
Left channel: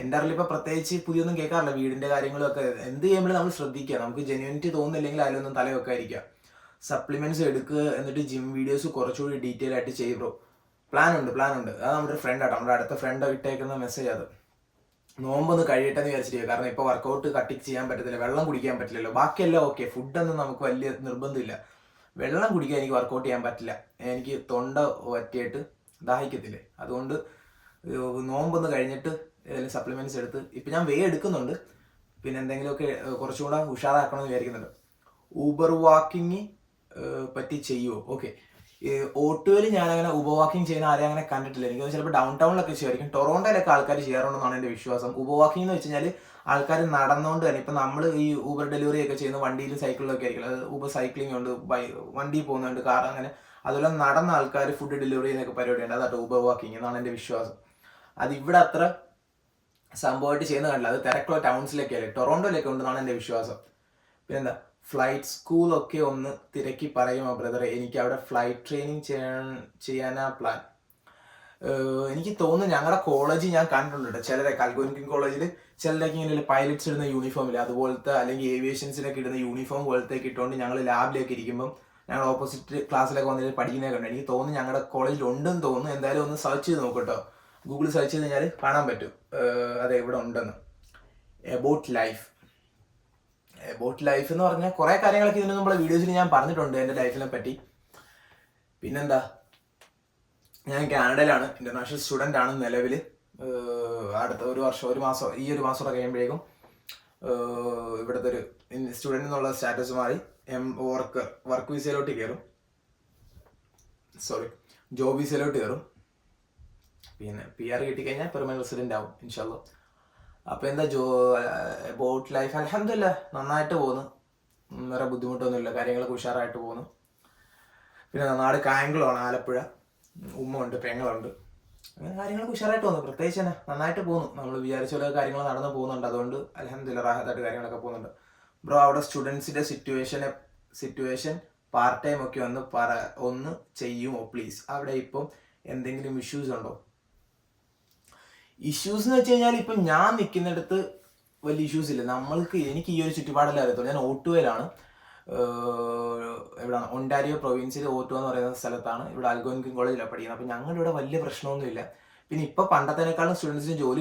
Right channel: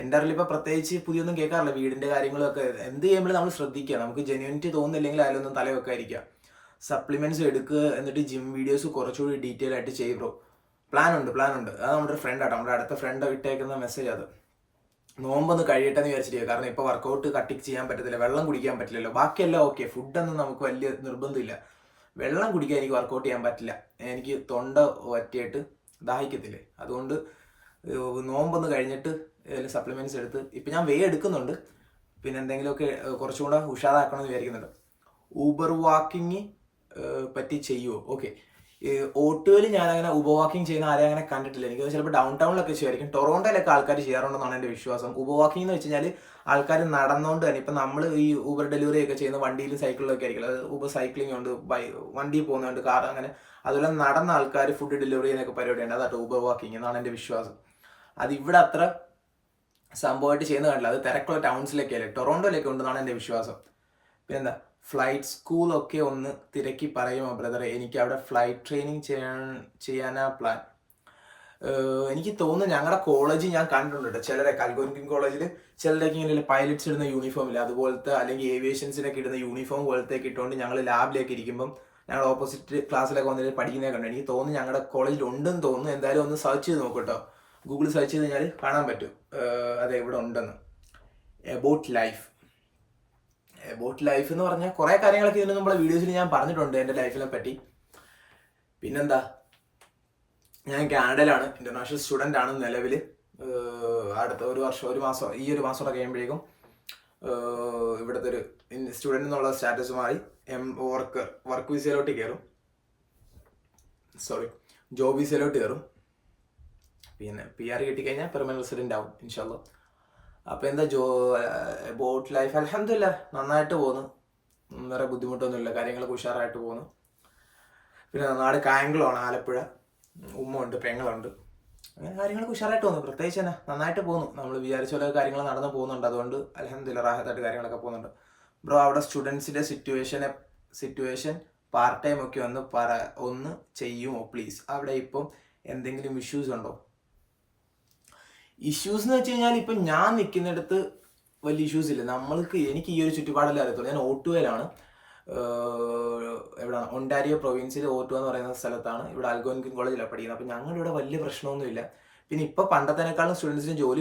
എൻ്റെ അറിവിൽ ഇപ്പോൾ പ്രത്യേകിച്ച് പുതിയൊന്നും കേൾക്കാറില്ല. വീടിൻ്റെ കാര്യങ്ങളൊക്കെ എന്ത് ചെയ്യുമ്പോഴും നമ്മൾ ശ്രദ്ധിക്കുക. നമുക്ക് ജെന്യൂനിറ്റി തോന്നുന്നില്ലെങ്കിൽ അതിലൊന്നും തലവെക്കാതിരിക്കുക. സപ്ലിമെൻറ്റ്സ് എടുക്കുക, എന്നിട്ട് ജിം വീഡിയോസ് കുറച്ചുകൂടി ഡീറ്റെയിൽ ആയിട്ട് ചെയ്യും ബ്രോ. പ്ലാൻ ഉണ്ട്. അത് നമ്മുടെ ഫ്രണ്ട് ആട്ടോ, നമ്മുടെ അടുത്ത ഫ്രണ്ട് ഇട്ടേക്കുന്ന മെസ്സേജ്. അത് നോമ്പൊന്ന് കഴിയട്ടെന്ന് വിചാരിച്ചിരിക്കുക. കാരണം ഇപ്പോൾ വർക്കൗട്ട് കട്ടിക്ക് ചെയ്യാൻ പറ്റത്തില്ല, വെള്ളം കുടിക്കാൻ പറ്റില്ലല്ലോ. ബാക്കിയെല്ലാം ഓക്കെ, ഫുഡൊന്നും നമുക്ക് വലിയ നിർബന്ധമില്ല. വെള്ളം കുടിക്കാൻ എനിക്ക് വർക്കൗട്ട് ചെയ്യാൻ പറ്റില്ല, എനിക്ക് തൊണ്ട വറ്റിയിട്ട് ദാഹിക്കത്തില്ലേ. അതുകൊണ്ട് നോമ്പൊന്ന് കഴിഞ്ഞിട്ട് ഏതെങ്കിലും സപ്ലിമെൻറ്റ്സ് എടുത്ത് ഇപ്പം ഞാൻ എടുക്കുന്നുണ്ട്. പിന്നെ എന്തെങ്കിലുമൊക്കെ കുറച്ചുകൂടെ ഉഷാറാക്കണമെന്ന് വിചാരിക്കുന്നുണ്ട്. ഊബർ വാക്കിങ് പറ്റി ചെയ്യുമോ? ഓക്കെ, O2 ഞാൻ അങ്ങനെ ഊബർ വാക്കിങ് ചെയ്യുന്ന ആരെയും അങ്ങനെ കണ്ടിട്ടില്ല. എനിക്ക് ചിലപ്പോൾ ഡൗൺ ടൗണിലൊക്കെ ചെയ്യുമായിരിക്കും. ടൊറോണ്ടോയിലൊക്കെ ആൾക്കാർ ചെയ്യാറുണ്ടെന്നാണ് എൻ്റെ വിശ്വാസം. ഊബർ വാക്കിംഗ് എന്ന് വെച്ച് കഴിഞ്ഞാൽ ആൾക്കാർ നടന്നുകൊണ്ട് തന്നെ ഇപ്പം നമ്മൾ ഈ ഊബർ ഡെലിവറി ഒക്കെ ചെയ്യുന്ന വണ്ടിയിലും സൈക്കിളിലൊക്കെ ആയിരിക്കും, അതായത് ഊബർ സൈക്ലിംഗ് ഉണ്ട്, വണ്ടി പോകുന്നുണ്ട്, കാർ, അങ്ങനെ അതുപോലെ നടന്ന ആൾക്കാർ ഫുഡ് ഡെലിവറി ചെയ്യുന്നൊക്കെ പരിപാടിയുണ്ട്. അതായിട്ട് ഊബർ വാക്കിങ് എന്നാണ് എൻ്റെ വിശ്വാസം. അത് ഇവിടെ അത്ര സംഭവമായിട്ട് ചെയ്യുന്ന കണ്ടില്ല. അത് തിരക്കുള്ള ടൗൺസിലൊക്കെ അല്ലേ, ടൊറോണ്ടോയിലൊക്കെ ഉണ്ടെന്നാണ് എൻ്റെ വിശ്വാസം. പിന്നെന്താ, ഫ്ലൈറ്റ് സ്കൂളൊക്കെ ഒന്ന് തിരക്കി പറയുമോ ബ്രദറെ, എനിക്ക് അവിടെ ഫ്ലൈറ്റ് ട്രെയിനിങ് ചെയ്യാനാ പ്ലാൻ. എനിക്ക് തോന്നുന്നു ഞങ്ങളുടെ കോളേജ് ഞാൻ കണ്ടിട്ടുണ്ട് ചിലരെ, അൽഗോൻക്വിൻ കോളേജിൽ ചിലരൊക്കെ ഇങ്ങനെ പൈലറ്റ്സ് ഇടുന്ന യൂണിഫോം ഇല്ല അതുപോലത്തെ, അല്ലെങ്കിൽ ഏവിയേഷൻസിനൊക്കെ ഇടുന്ന യൂണിഫോം പോലത്തെ ഇട്ടുകൊണ്ട് ഞങ്ങൾ ലാബിലേക്ക് ഇരിക്കുമ്പം ഞങ്ങൾ ഓപ്പോസിറ്റ് ക്ലാസ്സിലൊക്കെ വന്നിട്ട് പഠിക്കുന്നതൊക്കെ ഉണ്ട്. എനിക്ക് തോന്നുന്നു ഞങ്ങളുടെ കോളേജിൽ ഉണ്ടെന്ന് തോന്നുന്നു. എന്തായാലും ഒന്ന് സെർച്ച് ചെയ്ത് നോക്കൂട്ടോ, ഗൂഗിൾ സെർച്ച് ചെയ്ത് കഴിഞ്ഞാൽ കാണാൻ പറ്റും അതെ ഇവിടെ ഉണ്ടെന്ന്. എബൌട്ട് ലൈഫ് എന്ന് പറഞ്ഞാൽ കുറേ കാര്യങ്ങളൊക്കെ ഇതിന് നമ്മളെ വീഡിയോസിൽ ഞാൻ പറഞ്ഞിട്ടുണ്ട് എൻ്റെ ലൈഫിനെ പറ്റി. പിന്നെന്താ, ഞാൻ കാനഡയിലാണ്, ഇന്റർനാഷണൽ സ്റ്റുഡൻ്റ് ആണ് നിലവിൽ. അടുത്ത ഈ ഒരു മാസം കഴിയുമ്പോഴേക്കും ഇവിടുത്തെ ഒരു സ്റ്റുഡൻ്റ് എന്നുള്ള സ്റ്റാറ്റസ് മാറി വർക്ക് വിസയിലോട്ട് കയറും, ജോബ് വിസയിലോട്ട് കയറും. പിന്നെ PR കിട്ടിക്കഴിഞ്ഞാൽ പെർമനന്റ് റെസിഡൻ്റ് ആവും ഇൻഷാല്ലാ. അപ്പോൾ എന്താ ബോട്ട് ലൈഫ് അൽഹംദുലില്ലാ നന്നായിട്ട് പോകുന്നു, വേറെ ബുദ്ധിമുട്ടൊന്നുമില്ല, കാര്യങ്ങളൊക്കെ ഉഷാറായിട്ട് പോകുന്നു. പിന്നെ നാട് കായംകുളമാണ്, ആലപ്പുഴ. ഉമ്മ ഉണ്ട്, പെങ്ങളുണ്ട്, അങ്ങനെ കാര്യങ്ങളൊക്കെ ഉഷാറായിട്ട് പോകുന്നു. പ്രത്യേകിച്ച് തന്നെ നന്നായിട്ട് പോകുന്നു. നമ്മൾ വിചാരിച്ച പോലെ കാര്യങ്ങൾ നടന്നു പോകുന്നുണ്ട്. അതുകൊണ്ട് അൽഹംദുലില്ലാ റാഹത്തായിട്ട് കാര്യങ്ങളൊക്കെ പോകുന്നുണ്ട്. ബ്രോ, അവിടെ സ്റ്റുഡൻസിൻ്റെ സിറ്റുവേഷൻ പാർട്ട് ടൈം ഒക്കെ ഒന്ന് ചെയ്യുമോ പ്ലീസ്? അവിടെ ഇപ്പം എന്തെങ്കിലും ഇഷ്യൂസ് ഉണ്ടോ? ഇഷ്യൂസ് എന്ന് വെച്ച് കഴിഞ്ഞാൽ ഇപ്പം ഞാൻ നിൽക്കുന്നിടത്ത് വലിയ ഇഷ്യൂസ് ഇല്ല. എനിക്ക് ഈ ഒരു ചുറ്റുപാടെല്ലാം അറിയത്തുള്ളൂ. ഞാൻ ഓട്ടുവയിലാണ്, എവിടെയാണ്, ഒണ്ടാരിയോ പ്രൊവിൻസിൽ ഓട്ടുവ എന്ന് പറയുന്ന സ്ഥലത്താണ്. ഇവിടെ അൽഗോൻക്വിൻ കോളേജിലാണ് പഠിക്കുന്നത്. അപ്പം ഞങ്ങളുടെ ഇവിടെ വലിയ പ്രശ്നമൊന്നുമില്ല. പിന്നെ ഇപ്പം പണ്ടത്തേക്കാളും സ്റ്റുഡൻസിന് ജോലി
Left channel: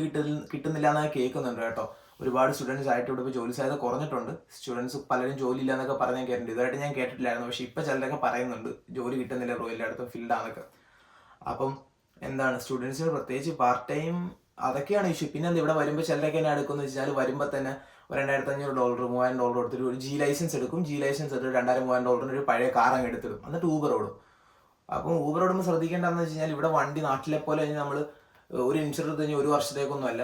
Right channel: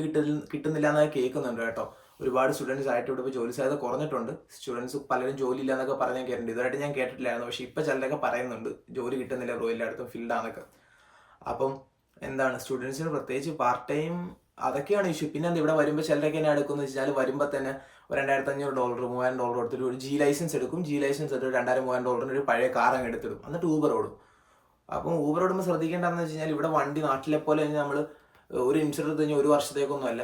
കിട്ടുന്നില്ല എന്നൊക്കെ കേൾക്കുന്നുണ്ട് കേട്ടോ. ഒരുപാട് സ്റ്റുഡൻസ് ആയിട്ട് ഇവിടെ ഇപ്പോൾ ജോലി സാധ്യത കുറഞ്ഞിട്ടുണ്ട്. സ്റ്റുഡൻസ് പലരും ജോലി ഇല്ല എന്നൊക്കെ പറഞ്ഞാൽ കേട്ടിട്ടുണ്ട്. ഇതായിട്ട് ഞാൻ കേട്ടിട്ടില്ലായിരുന്നു, പക്ഷേ ഇപ്പം ചിലരൊക്കെ പറയുന്നുണ്ട് ജോലി കിട്ടുന്നില്ല ബ്രോ, എല്ലായിടത്തും ഫീൽഡാന്നൊക്കെ. അപ്പം എന്താണ്, സ്റ്റുഡൻസിന് പ്രത്യേകിച്ച് പാർട്ട് ടൈം അതൊക്കെയാണ് ഇഷ്യൂ. പിന്നെ ഇവിടെ വരുമ്പോൾ ചിലരൊക്കെ എന്നെ എടുക്കുമെന്ന് വെച്ചാൽ വരുമ്പോൾ തന്നെ $2,500 $3,000 കൊടുത്തിട്ട് ഒരു G ലൈസൻസ് എടുക്കും. G ലൈസൻസ് എടുത്ത് $2,000-3,000 ഒരു പഴയ കാർ അങ്ങ് എടുത്തിടും, എന്നിട്ട് ഊബർ ഓടും. അപ്പം ഊബർ ഓടുമ്പോൾ ശ്രദ്ധിക്കേണ്ടതെന്ന് വെച്ച് കഴിഞ്ഞാൽ ഇവിടെ വണ്ടി നാട്ടിലെ പോലെ നമ്മൾ ഒരു ഇൻഷുറൻസ് കഴിഞ്ഞാൽ 1 വർഷത്തേക്കൊന്നും അല്ല,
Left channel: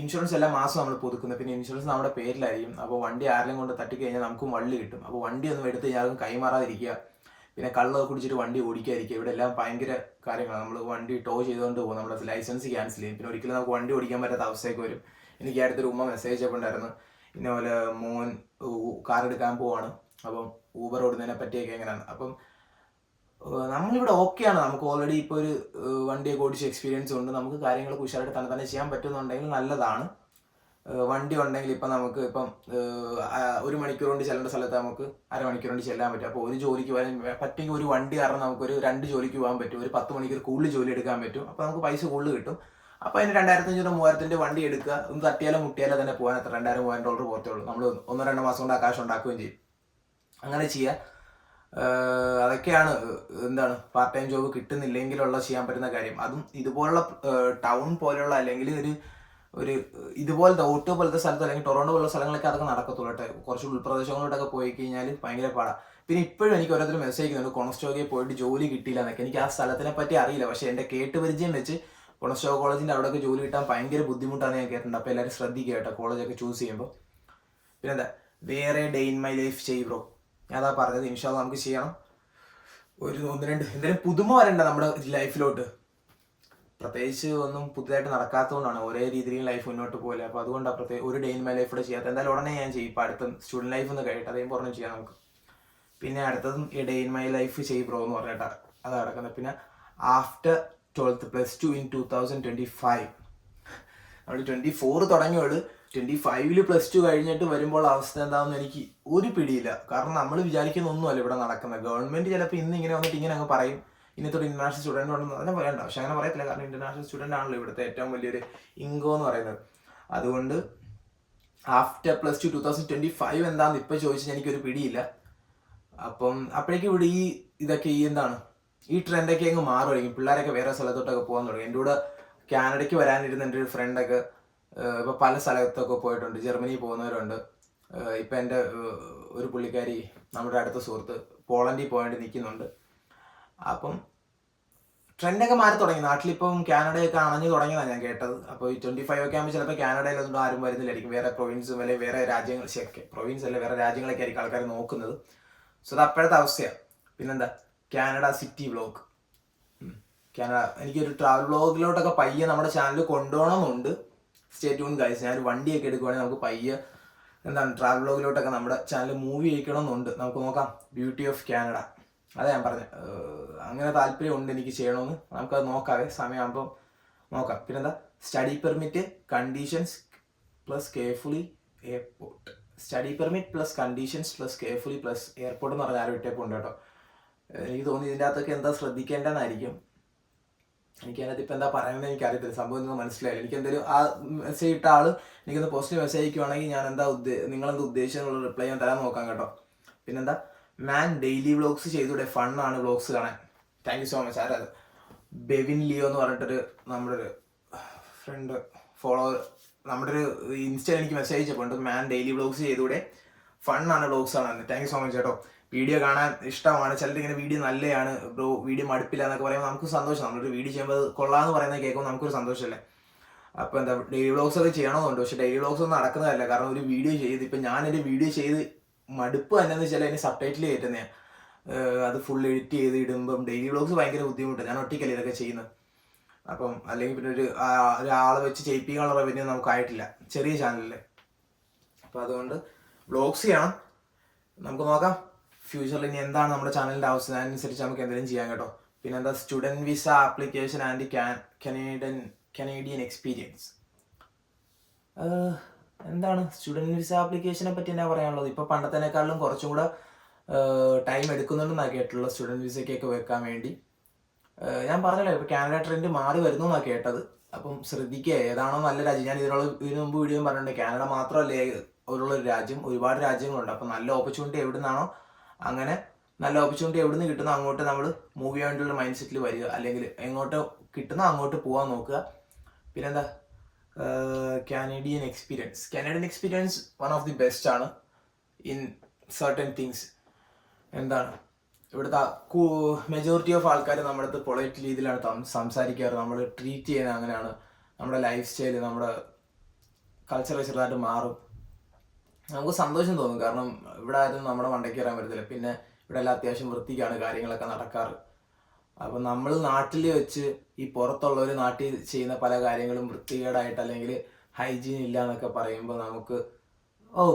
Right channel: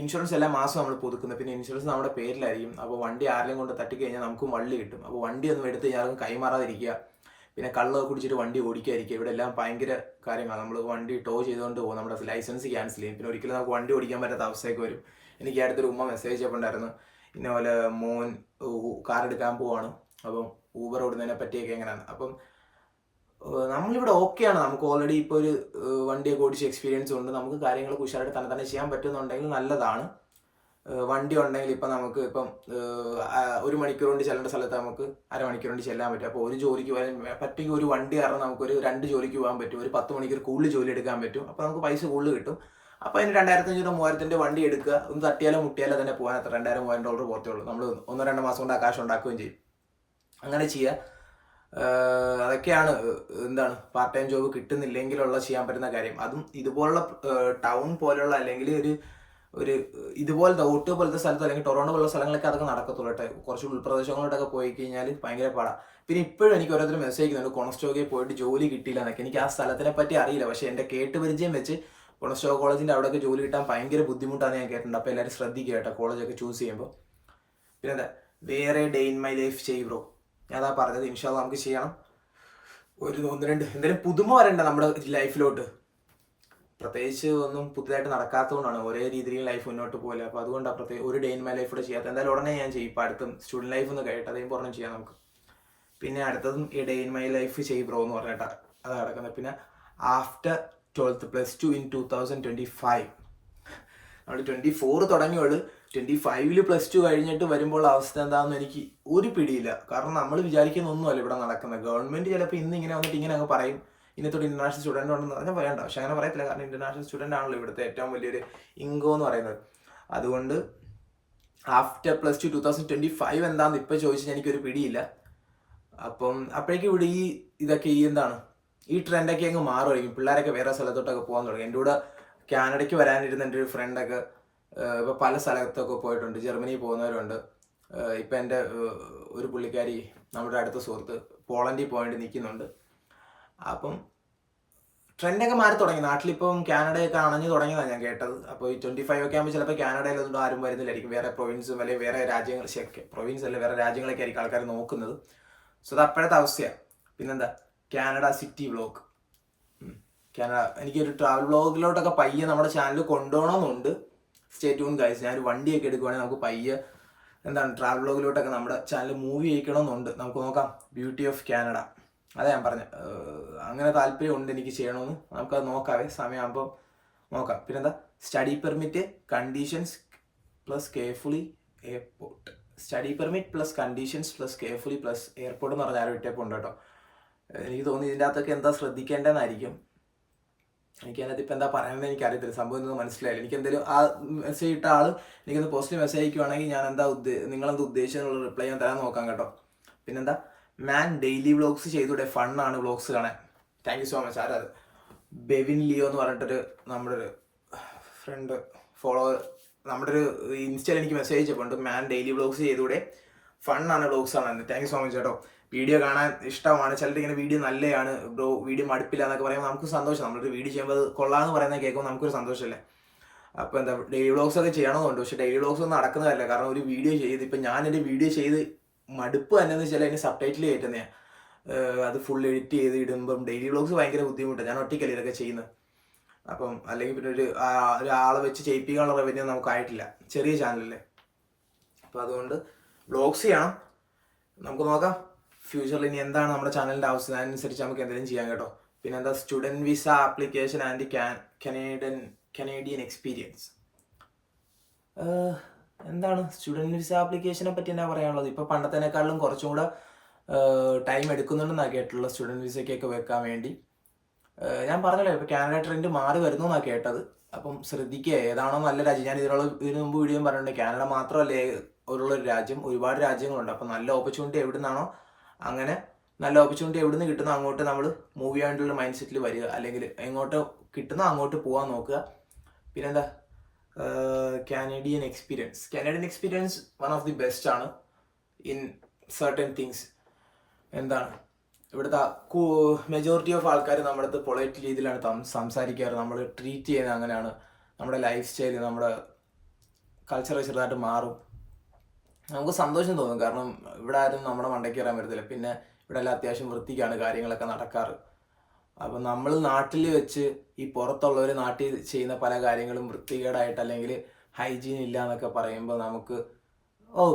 ഇൻഷുറൻസ് എല്ലാ മാസം നമ്മൾ പുതുക്കുന്നത്. പിന്നെ ഇൻഷുറൻസ് നമ്മുടെ പേരിലായിരിക്കും. അപ്പോൾ വണ്ടി ആരെങ്കിലും കൊണ്ട് തട്ടിക്കഴിഞ്ഞാൽ നമുക്കും വള്ളി കിട്ടും. അപ്പോൾ വണ്ടി ഒന്നും എടുത്ത് കഴിഞ്ഞാൽ കൈമാറാതിരിക്കുക. പിന്നെ കള്ളൊക്കെ കുടിച്ചിട്ട് വണ്ടി ഓടിക്കാതിരിക്കുക. ഇവിടെ എല്ലാം ഭയങ്കര കാര്യങ്ങളാണ്. നമ്മൾ വണ്ടി ടോ ചെയ്തുകൊണ്ട് പോകും, നമ്മുടെ ലൈസൻസ് ക്യാൻസൽ ചെയ്യും. പിന്നെ ഒരിക്കലും നമുക്ക് വണ്ടി ഓടിക്കാൻ പറ്റാത്ത അവസ്ഥയൊക്കെ വരും. എനിക്ക് അടുത്തൊരു ഉമ്മ മെസ്സേജ് ചെയ്യപ്പെട്ടായിരുന്നു, ഇന്നപോലെ മോൻ കാർ എടുക്കാൻ പോവാണ്, അപ്പം ഊബർ ഓടുന്നതിനെ പറ്റിയൊക്കെ എങ്ങനെയാണ്. അപ്പം നമ്മളിവിടെ ഓക്കെയാണ്, നമുക്ക് ഓൾറെഡി ഇപ്പോൾ ഒരു വണ്ടിയൊക്കെ ഓടിച്ച് എക്സ്പീരിയൻസ് ഉണ്ട്. നമുക്ക് കാര്യങ്ങളൊക്കെ ഉഷാറായിട്ട് തന്നെ ചെയ്യാൻ പറ്റുന്നുണ്ടെങ്കിൽ നല്ലതാണ്. വണ്ടി ഉണ്ടെങ്കിൽ ഇപ്പം നമുക്ക് 1 മണിക്കൂർ കൊണ്ട് ചെല്ലേണ്ട സ്ഥലത്ത് നമുക്ക് അരമണിക്കൂർ കൊണ്ട് ചെല്ലാൻ പറ്റും. അപ്പോൾ ഒരു ജോലിക്ക് പറ്റുമെങ്കിൽ ഒരു വണ്ടി കാരണം നമുക്കൊരു 2 ജോലിക്ക് പോകാൻ പറ്റും. ഒരു 10 മണിക്കൂർ കൂടുതൽ ജോലി എടുക്കാൻ പറ്റും. അപ്പോൾ നമുക്ക് പൈസ കൂടുതൽ കിട്ടും. അപ്പോൾ അതിന് $2,500-3,000 വണ്ടി എടുക്കുക, ഒന്ന് തട്ടിയാലോ മുട്ടിയാലോ തന്നെ പോകാൻ അത്ര $2,000-3,000 പോകത്തേ ഉള്ളൂ. നമ്മൾ 1-2 മാസം കൊണ്ട് ആ കാശ് ഉണ്ടാക്കുകയും ചെയ്യും. അങ്ങനെ ചെയ്യുക. അതൊക്കെയാണ് എന്താണ് പാർട്ട് ടൈം ജോബ് കിട്ടുന്നില്ലെങ്കിലുള്ള ചെയ്യാൻ പറ്റുന്ന കാര്യം. അതും ഇതുപോലുള്ള ടൗൺ പോലെയുള്ള അല്ലെങ്കിൽ ഒരു ഇതുപോലത്തെ ഓട്ടോ പോലത്തെ സ്ഥലത്ത് അല്ലെങ്കിൽ ടൊറോണ്ടോ പോലുള്ള സ്ഥലങ്ങളൊക്കെ അതൊക്കെ നടക്കത്തുള്ളൂ കേട്ടോ. കുറച്ച് ഉൾപ്രദേശങ്ങളിലോട്ടൊക്കെ പോയി കഴിഞ്ഞാൽ ഭയങ്കര പാടാണ്. പിന്നെ ഇപ്പോഴും എനിക്ക് ഓരോരുത്തർ മെസ്സേജ് ചെയ്യുന്നുണ്ട് കൊണസ്റ്റോക്കിൽ പോയിട്ട് ജോലി കിട്ടിയില്ല എന്നൊക്കെ. എനിക്ക് ആ സ്ഥലത്തിനെ പറ്റി അറിയില്ല, പക്ഷേ എൻ്റെ കേട്ടുപരിചയം വെച്ച് കൊണസ്റ്റോ കോളേജിൻ്റെ അവിടെയൊക്കെ ജോലി കിട്ടാൻ ഭയങ്കര ബുദ്ധിമുട്ടാണെന്ന് ഞാൻ കേട്ടിട്ടുണ്ട്. അപ്പോൾ എല്ലാവരും ശ്രദ്ധിക്കുക കേട്ടോ കോളേജൊക്കെ ചൂസ് ചെയ്യുമ്പോൾ. പിന്നെ എന്താ, വേറെ ഡേ ഇൻ മൈ ലൈഫ് ചെയ്യ് ബ്രോ. ഞാൻ അതാ പറഞ്ഞത്, ഇൻഷാല്ലാ നമുക്ക് ചെയ്യണം. ഒരു 1-2 എന്തെങ്കിലും പുതുമ വരണ്ട നമ്മുടെ ലൈഫിലോട്ട്. പ്രത്യേകിച്ച് ഒന്നും പുതുതായിട്ട് നടക്കാത്തതുകൊണ്ടാണ് ഒരേ രീതിയിൽ ലൈഫ് മുന്നോട്ട് പോലെ. അപ്പോൾ അതുകൊണ്ടാണ് ഒരു ഡേ ഇൻ മൈ ലൈഫ് കൂടെ ചെയ്യാത്ത. എന്തായാലും ഉടനെ ഞാൻ ചെയ്യും. ഇപ്പോൾ അടുത്തും സ്റ്റുഡൻറ്റ് ലൈഫ് ഒന്ന് കഴിയട്ടെ, അതേം പറഞ്ഞ് ചെയ്യാം നമുക്ക്. പിന്നെ അടുത്തതും ഈ ഡേ ഇൻ മൈ ലൈഫ് ചെയ്യ് ബ്രോ എന്ന് പറഞ്ഞിട്ടാണ് അത് നടക്കുന്നത്. പിന്നെ ആഫ്റ്റർ 12th +2 in 2025 നമ്മൾ 24 തുടങ്ങിയുള്ളൂ. 25-ൽ +2 കഴിഞ്ഞിട്ട് വരുമ്പോൾ അവസ്ഥ എന്താണെന്ന് എനിക്ക് ഒരു പിടിയില്ല. കാരണം നമ്മൾ വിചാരിക്കുന്ന ഒന്നുമല്ല ഇവിടെ നടക്കുന്നത്. ഗവൺമെൻറ് ചിലപ്പോൾ ഇന്ന് ഇങ്ങനെ വന്നിട്ട് ഇങ്ങനെ അങ്ങ് പറയും, ഇന്നത്തോട് ഇന്റർനാഷണൽ സ്റ്റുഡൻ്റ് ഉണ്ടെന്ന് പറഞ്ഞാൽ പറയണ്ട. പക്ഷെ അങ്ങനെ പറയത്തില്ല, കാരണം ഇന്റർനാഷണൽ സ്റ്റുഡൻ്റ് ആണല്ലോ ഇവിടുത്തെ ഏറ്റവും വലിയൊരു ഇൻകം എന്ന് പറയുന്നത്. അതുകൊണ്ട് ആഫ്റ്റർ +2 2025 എന്താണെന്ന് ഇപ്പോൾ ചോദിച്ചാൽ എനിക്കൊരു പിടിയില്ല. അപ്പം അപ്പോഴേക്കും ഇവിടെ ഇതൊക്കെ ഈ ട്രെൻഡൊക്കെ അങ്ങ് മാറുമായിരിക്കും. പിള്ളേരൊക്കെ വേറെ സ്ഥലത്തോട്ടൊക്കെ പോകാൻ തുടങ്ങി. എൻ്റെ കൂടെ കാനഡയ്ക്ക് വരാനിരുന്ന എൻ്റെ ഒരു ഫ്രണ്ടൊക്കെ ഇപ്പോൾ പല സ്ഥലത്തൊക്കെ പോയിട്ടുണ്ട്. ജർമ്മനിയിൽ പോകുന്നവരുണ്ട്. ഇപ്പം എൻ്റെ ഒരു പുള്ളിക്കാരി, നമ്മുടെ അടുത്ത സുഹൃത്ത്, പോളണ്ടിൽ പോയിട്ട് നിൽക്കുന്നുണ്ട്. അപ്പം ട്രെൻഡൊക്കെ മാറി തുടങ്ങി. നാട്ടിലിപ്പം കാനഡയൊക്കെ അണഞ്ഞു തുടങ്ങിയതാണ് ഞാൻ കേട്ടത്. അപ്പോൾ ഈ 25 ഒക്കെ ആകുമ്പോൾ ചിലപ്പോൾ കാനഡയിലൊന്നും ആരും വരുന്നില്ലായിരിക്കും. വേറെ പ്രൊവിൻസും അല്ലെങ്കിൽ വേറെ രാജ്യങ്ങൾ, പ്രൊവിൻസ് അല്ല വേറെ രാജ്യങ്ങളൊക്കെ ആയിരിക്കും ആൾക്കാർ നോക്കുന്നത്. സോ അത് അപ്പോഴത്തെ അവസ്ഥയാണ്. പിന്നെന്താ, കാനഡ സിറ്റി വ്ളോഗ്. കാനഡ എനിക്കൊരു ട്രാവൽ വ്ളോഗിലോട്ടൊക്കെ പയ്യെ നമ്മുടെ ചാനൽ കൊണ്ടുപോകണമെന്നുണ്ട്. Stay tune guys. ഞാനൊരു വണ്ടിയൊക്കെ എടുക്കുവാണെങ്കിൽ നമുക്ക് പയ്യെ എന്താണ് ട്രാവൽ വ്ളോഗിലോട്ടൊക്കെ നമ്മുടെ ചാനൽ മൂവ് ചെയ്യിക്കണമെന്നുണ്ട്. നമുക്ക് നോക്കാം. ബ്യൂട്ടി ഓഫ് കാനഡ, അതാ ഞാൻ പറഞ്ഞത്. അങ്ങനെ താല്പര്യമുണ്ട് എനിക്ക് ചെയ്യണമെന്ന്. നമുക്കത് നോക്കാവേ, സമയമാകുമ്പോൾ നോക്കാം. പിന്നെന്താ, study permit conditions plus carefully airport. Study permit plus conditions plus carefully plus airport എന്ന് പറഞ്ഞാൽ ആരും ഇട്ടേപ്പുണ്ട് കേട്ടോ. എനിക്ക് തോന്നി ഇതിൻ്റെ അകത്തൊക്കെ എന്താ ശ്രദ്ധിക്കേണ്ടതെന്നായിരിക്കും. എനിക്ക് അതിനകത്ത് ഇപ്പം എന്താ പറയുന്നത് എനിക്കറിയത്തില്ല. സംഭവം ഒന്നും മനസ്സിലായില്ല. എനിക്ക് എന്തെങ്കിലും ആ മെസ്സേജ് ഇട്ട ആൾ എനിക്കൊന്ന് പോസിറ്റീവ് മെസ്സേജ് അയക്കുവാണെങ്കിൽ ഞാൻ എന്താ നിങ്ങളെന്താ ഉദ്ദേശിച്ചെന്നുള്ള റിപ്ലൈ ഞാൻ തരാൻ നോക്കാം കേട്ടോ. പിന്നെന്താ, മാൻ ഡെയിലി വ്ളോഗ്സ് ചെയ്തൂടെ, ഫണ്ണാണ് വ്ളോഗ്സ് കാണാൻ. Thank you so much. ആരാ അത്? ബെവിൻ ലിയോ എന്ന് പറഞ്ഞിട്ടൊരു നമ്മുടെ ഒരു ഫ്രണ്ട് ഫോളോവർ നമ്മുടെ ഒരു ഇൻസ്റ്റയിൽ എനിക്ക് മെസ്സേജ് അയച്ചപ്പോണ്ട്, മാൻ ഡെയിലി വ്ളോഗ്സ് ചെയ്തൂടെ, ഫണ്ണാണ് വ്ളോഗ്സ് കാണാൻ. താങ്ക് യു സോ മച്ച് കേട്ടോ. വീഡിയോ കാണാൻ ഇഷ്ടമാണ്. ചിലർ ഇങ്ങനെ വീഡിയോ നല്ലതാണ് ബ്രോ, വീഡിയോ മടുപ്പില്ല എന്നൊക്കെ പറയുമ്പോൾ നമുക്ക് സന്തോഷം. നമ്മളൊരു വീഡിയോ ചെയ്യുമ്പോൾ അത് കൊള്ളാമെന്ന് പറയുന്നത് കേൾക്കുമ്പോൾ നമുക്കൊരു സന്തോഷമല്ലേ. അപ്പോൾ എന്താ, ഡെയിലി വ്ളോഗ്സ് ഒക്കെ ചെയ്യണമെന്നുണ്ട്. പക്ഷേ ഡെയിലി വ്ളോഗ്സ് ഒന്നും നടക്കുന്നതല്ല. കാരണം ഒരു വീഡിയോ ചെയ്ത് ഇപ്പം ഞാൻ എൻ്റെ വീഡിയോ ചെയ്ത് മടുപ്പ് തന്നെയെന്ന് വെച്ചാൽ അതിന് സബ് ടൈറ്റിൽ കയറ്റുന്നതാണ്. അത് ഫുൾ എഡിറ്റ് ചെയ്ത് ഇടുമ്പം ഡെയിലി വ്ളോഗ്സ് ഭയങ്കര ബുദ്ധിമുട്ടാണ്. ഞാൻ ഒറ്റയ്ക്കല്ലേ ഇതൊക്കെ ചെയ്യുന്നത്. അപ്പം അല്ലെങ്കിൽ പിന്നെ ഒരാളെ വെച്ച് ചെയ്യിപ്പിക്കാനുള്ള റവന്യൂ നമുക്കായിട്ടില്ല ചെറിയ ചാനലിൽ. അപ്പോൾ അതുകൊണ്ട് വ്ളോഗ്സ് ചെയ്യണം. നമുക്ക് നോക്കാം ഫ്യൂച്ചറിൽ ഇനി എന്താണ് നമ്മുടെ ചാനലിൻ്റെ അവസ്ഥ, അതിനനുസരിച്ച് നമുക്ക് എന്തെങ്കിലും ചെയ്യാം കേട്ടോ. പിന്നെ എന്താ, student visa application and Canadian experience. എന്താണ് സ്റ്റുഡൻറ്റ് വിസ ആപ്ലിക്കേഷനെ പറ്റി എന്നാ പറയാനുള്ളത്? ഇപ്പോൾ പണ്ടത്തേക്കാളും കുറച്ചും കൂടെ ടൈം എടുക്കുന്നുണ്ടെന്നാണ് കേട്ടിട്ടുള്ളത് സ്റ്റുഡൻറ്റ് വിസയ്ക്കൊക്കെ വെക്കാൻ വേണ്ടി. ഞാൻ പറഞ്ഞല്ലോ ഇപ്പോൾ കാനഡ ട്രെൻഡ് മാറി വരുന്നു എന്നാണ് കേട്ടത്. അപ്പം ശ്രദ്ധിക്കുക, ഏതാണോ നല്ല രാജ്യം. ഞാൻ ഇതിനു മുമ്പ് വീഡിയോ പറഞ്ഞിട്ടുണ്ട്, കാനഡ മാത്രമല്ലേ ഉള്ളൊരു രാജ്യം, ഒരുപാട് രാജ്യങ്ങളുണ്ട്. അപ്പം നല്ല ഓപ്പർച്യൂണിറ്റി എവിടെ നിന്നാണോ, അങ്ങനെ നല്ല ഓപ്പർച്യൂണിറ്റി എവിടെ നിന്ന് കിട്ടുന്നോ അങ്ങോട്ട് നമ്മൾ മൂവ് ചെയ്യാൻ വേണ്ടിയുള്ള മൈൻഡ് സെറ്റിൽ വരിക. അല്ലെങ്കിൽ എങ്ങോട്ട് കിട്ടുന്നോ അങ്ങോട്ട് പോകാൻ നോക്കുക. പിന്നെന്താ, Canadian experience one of the best ആണ് ഇൻ സർട്ടൻ തിങ്സ്. എന്താണ്, ഇവിടുത്തെ മെജോറിറ്റി ഓഫ് ആൾക്കാർ നമ്മുടെ അടുത്ത് പൊളൈറ്റ് രീതിയിലാണ് സംസാരിക്കാറ്. നമ്മൾ ട്രീറ്റ് ചെയ്യുന്നത് അങ്ങനെയാണ്. നമ്മുടെ ലൈഫ് സ്റ്റൈൽ, നമ്മുടെ കൾച്ചർ ചെറുതായിട്ട് മാറും. നമുക്ക് സന്തോഷം തോന്നും. കാരണം ഇവിടെ ആരും നമ്മുടെ മണ്ടയ്ക്ക് കയറാൻ പറ്റത്തില്ല. പിന്നെ ഇവിടെ എല്ലാം അത്യാവശ്യം വൃത്തിക്കാണ് കാര്യങ്ങളൊക്കെ നടക്കാറ്. അപ്പം നമ്മൾ നാട്ടിൽ വെച്ച് ഈ പുറത്തുള്ളവർ നാട്ടിൽ ചെയ്യുന്ന പല കാര്യങ്ങളും വൃത്തികേടായിട്ട് അല്ലെങ്കിൽ ഹൈജീൻ ഇല്ല എന്നൊക്കെ പറയുമ്പോൾ നമുക്ക്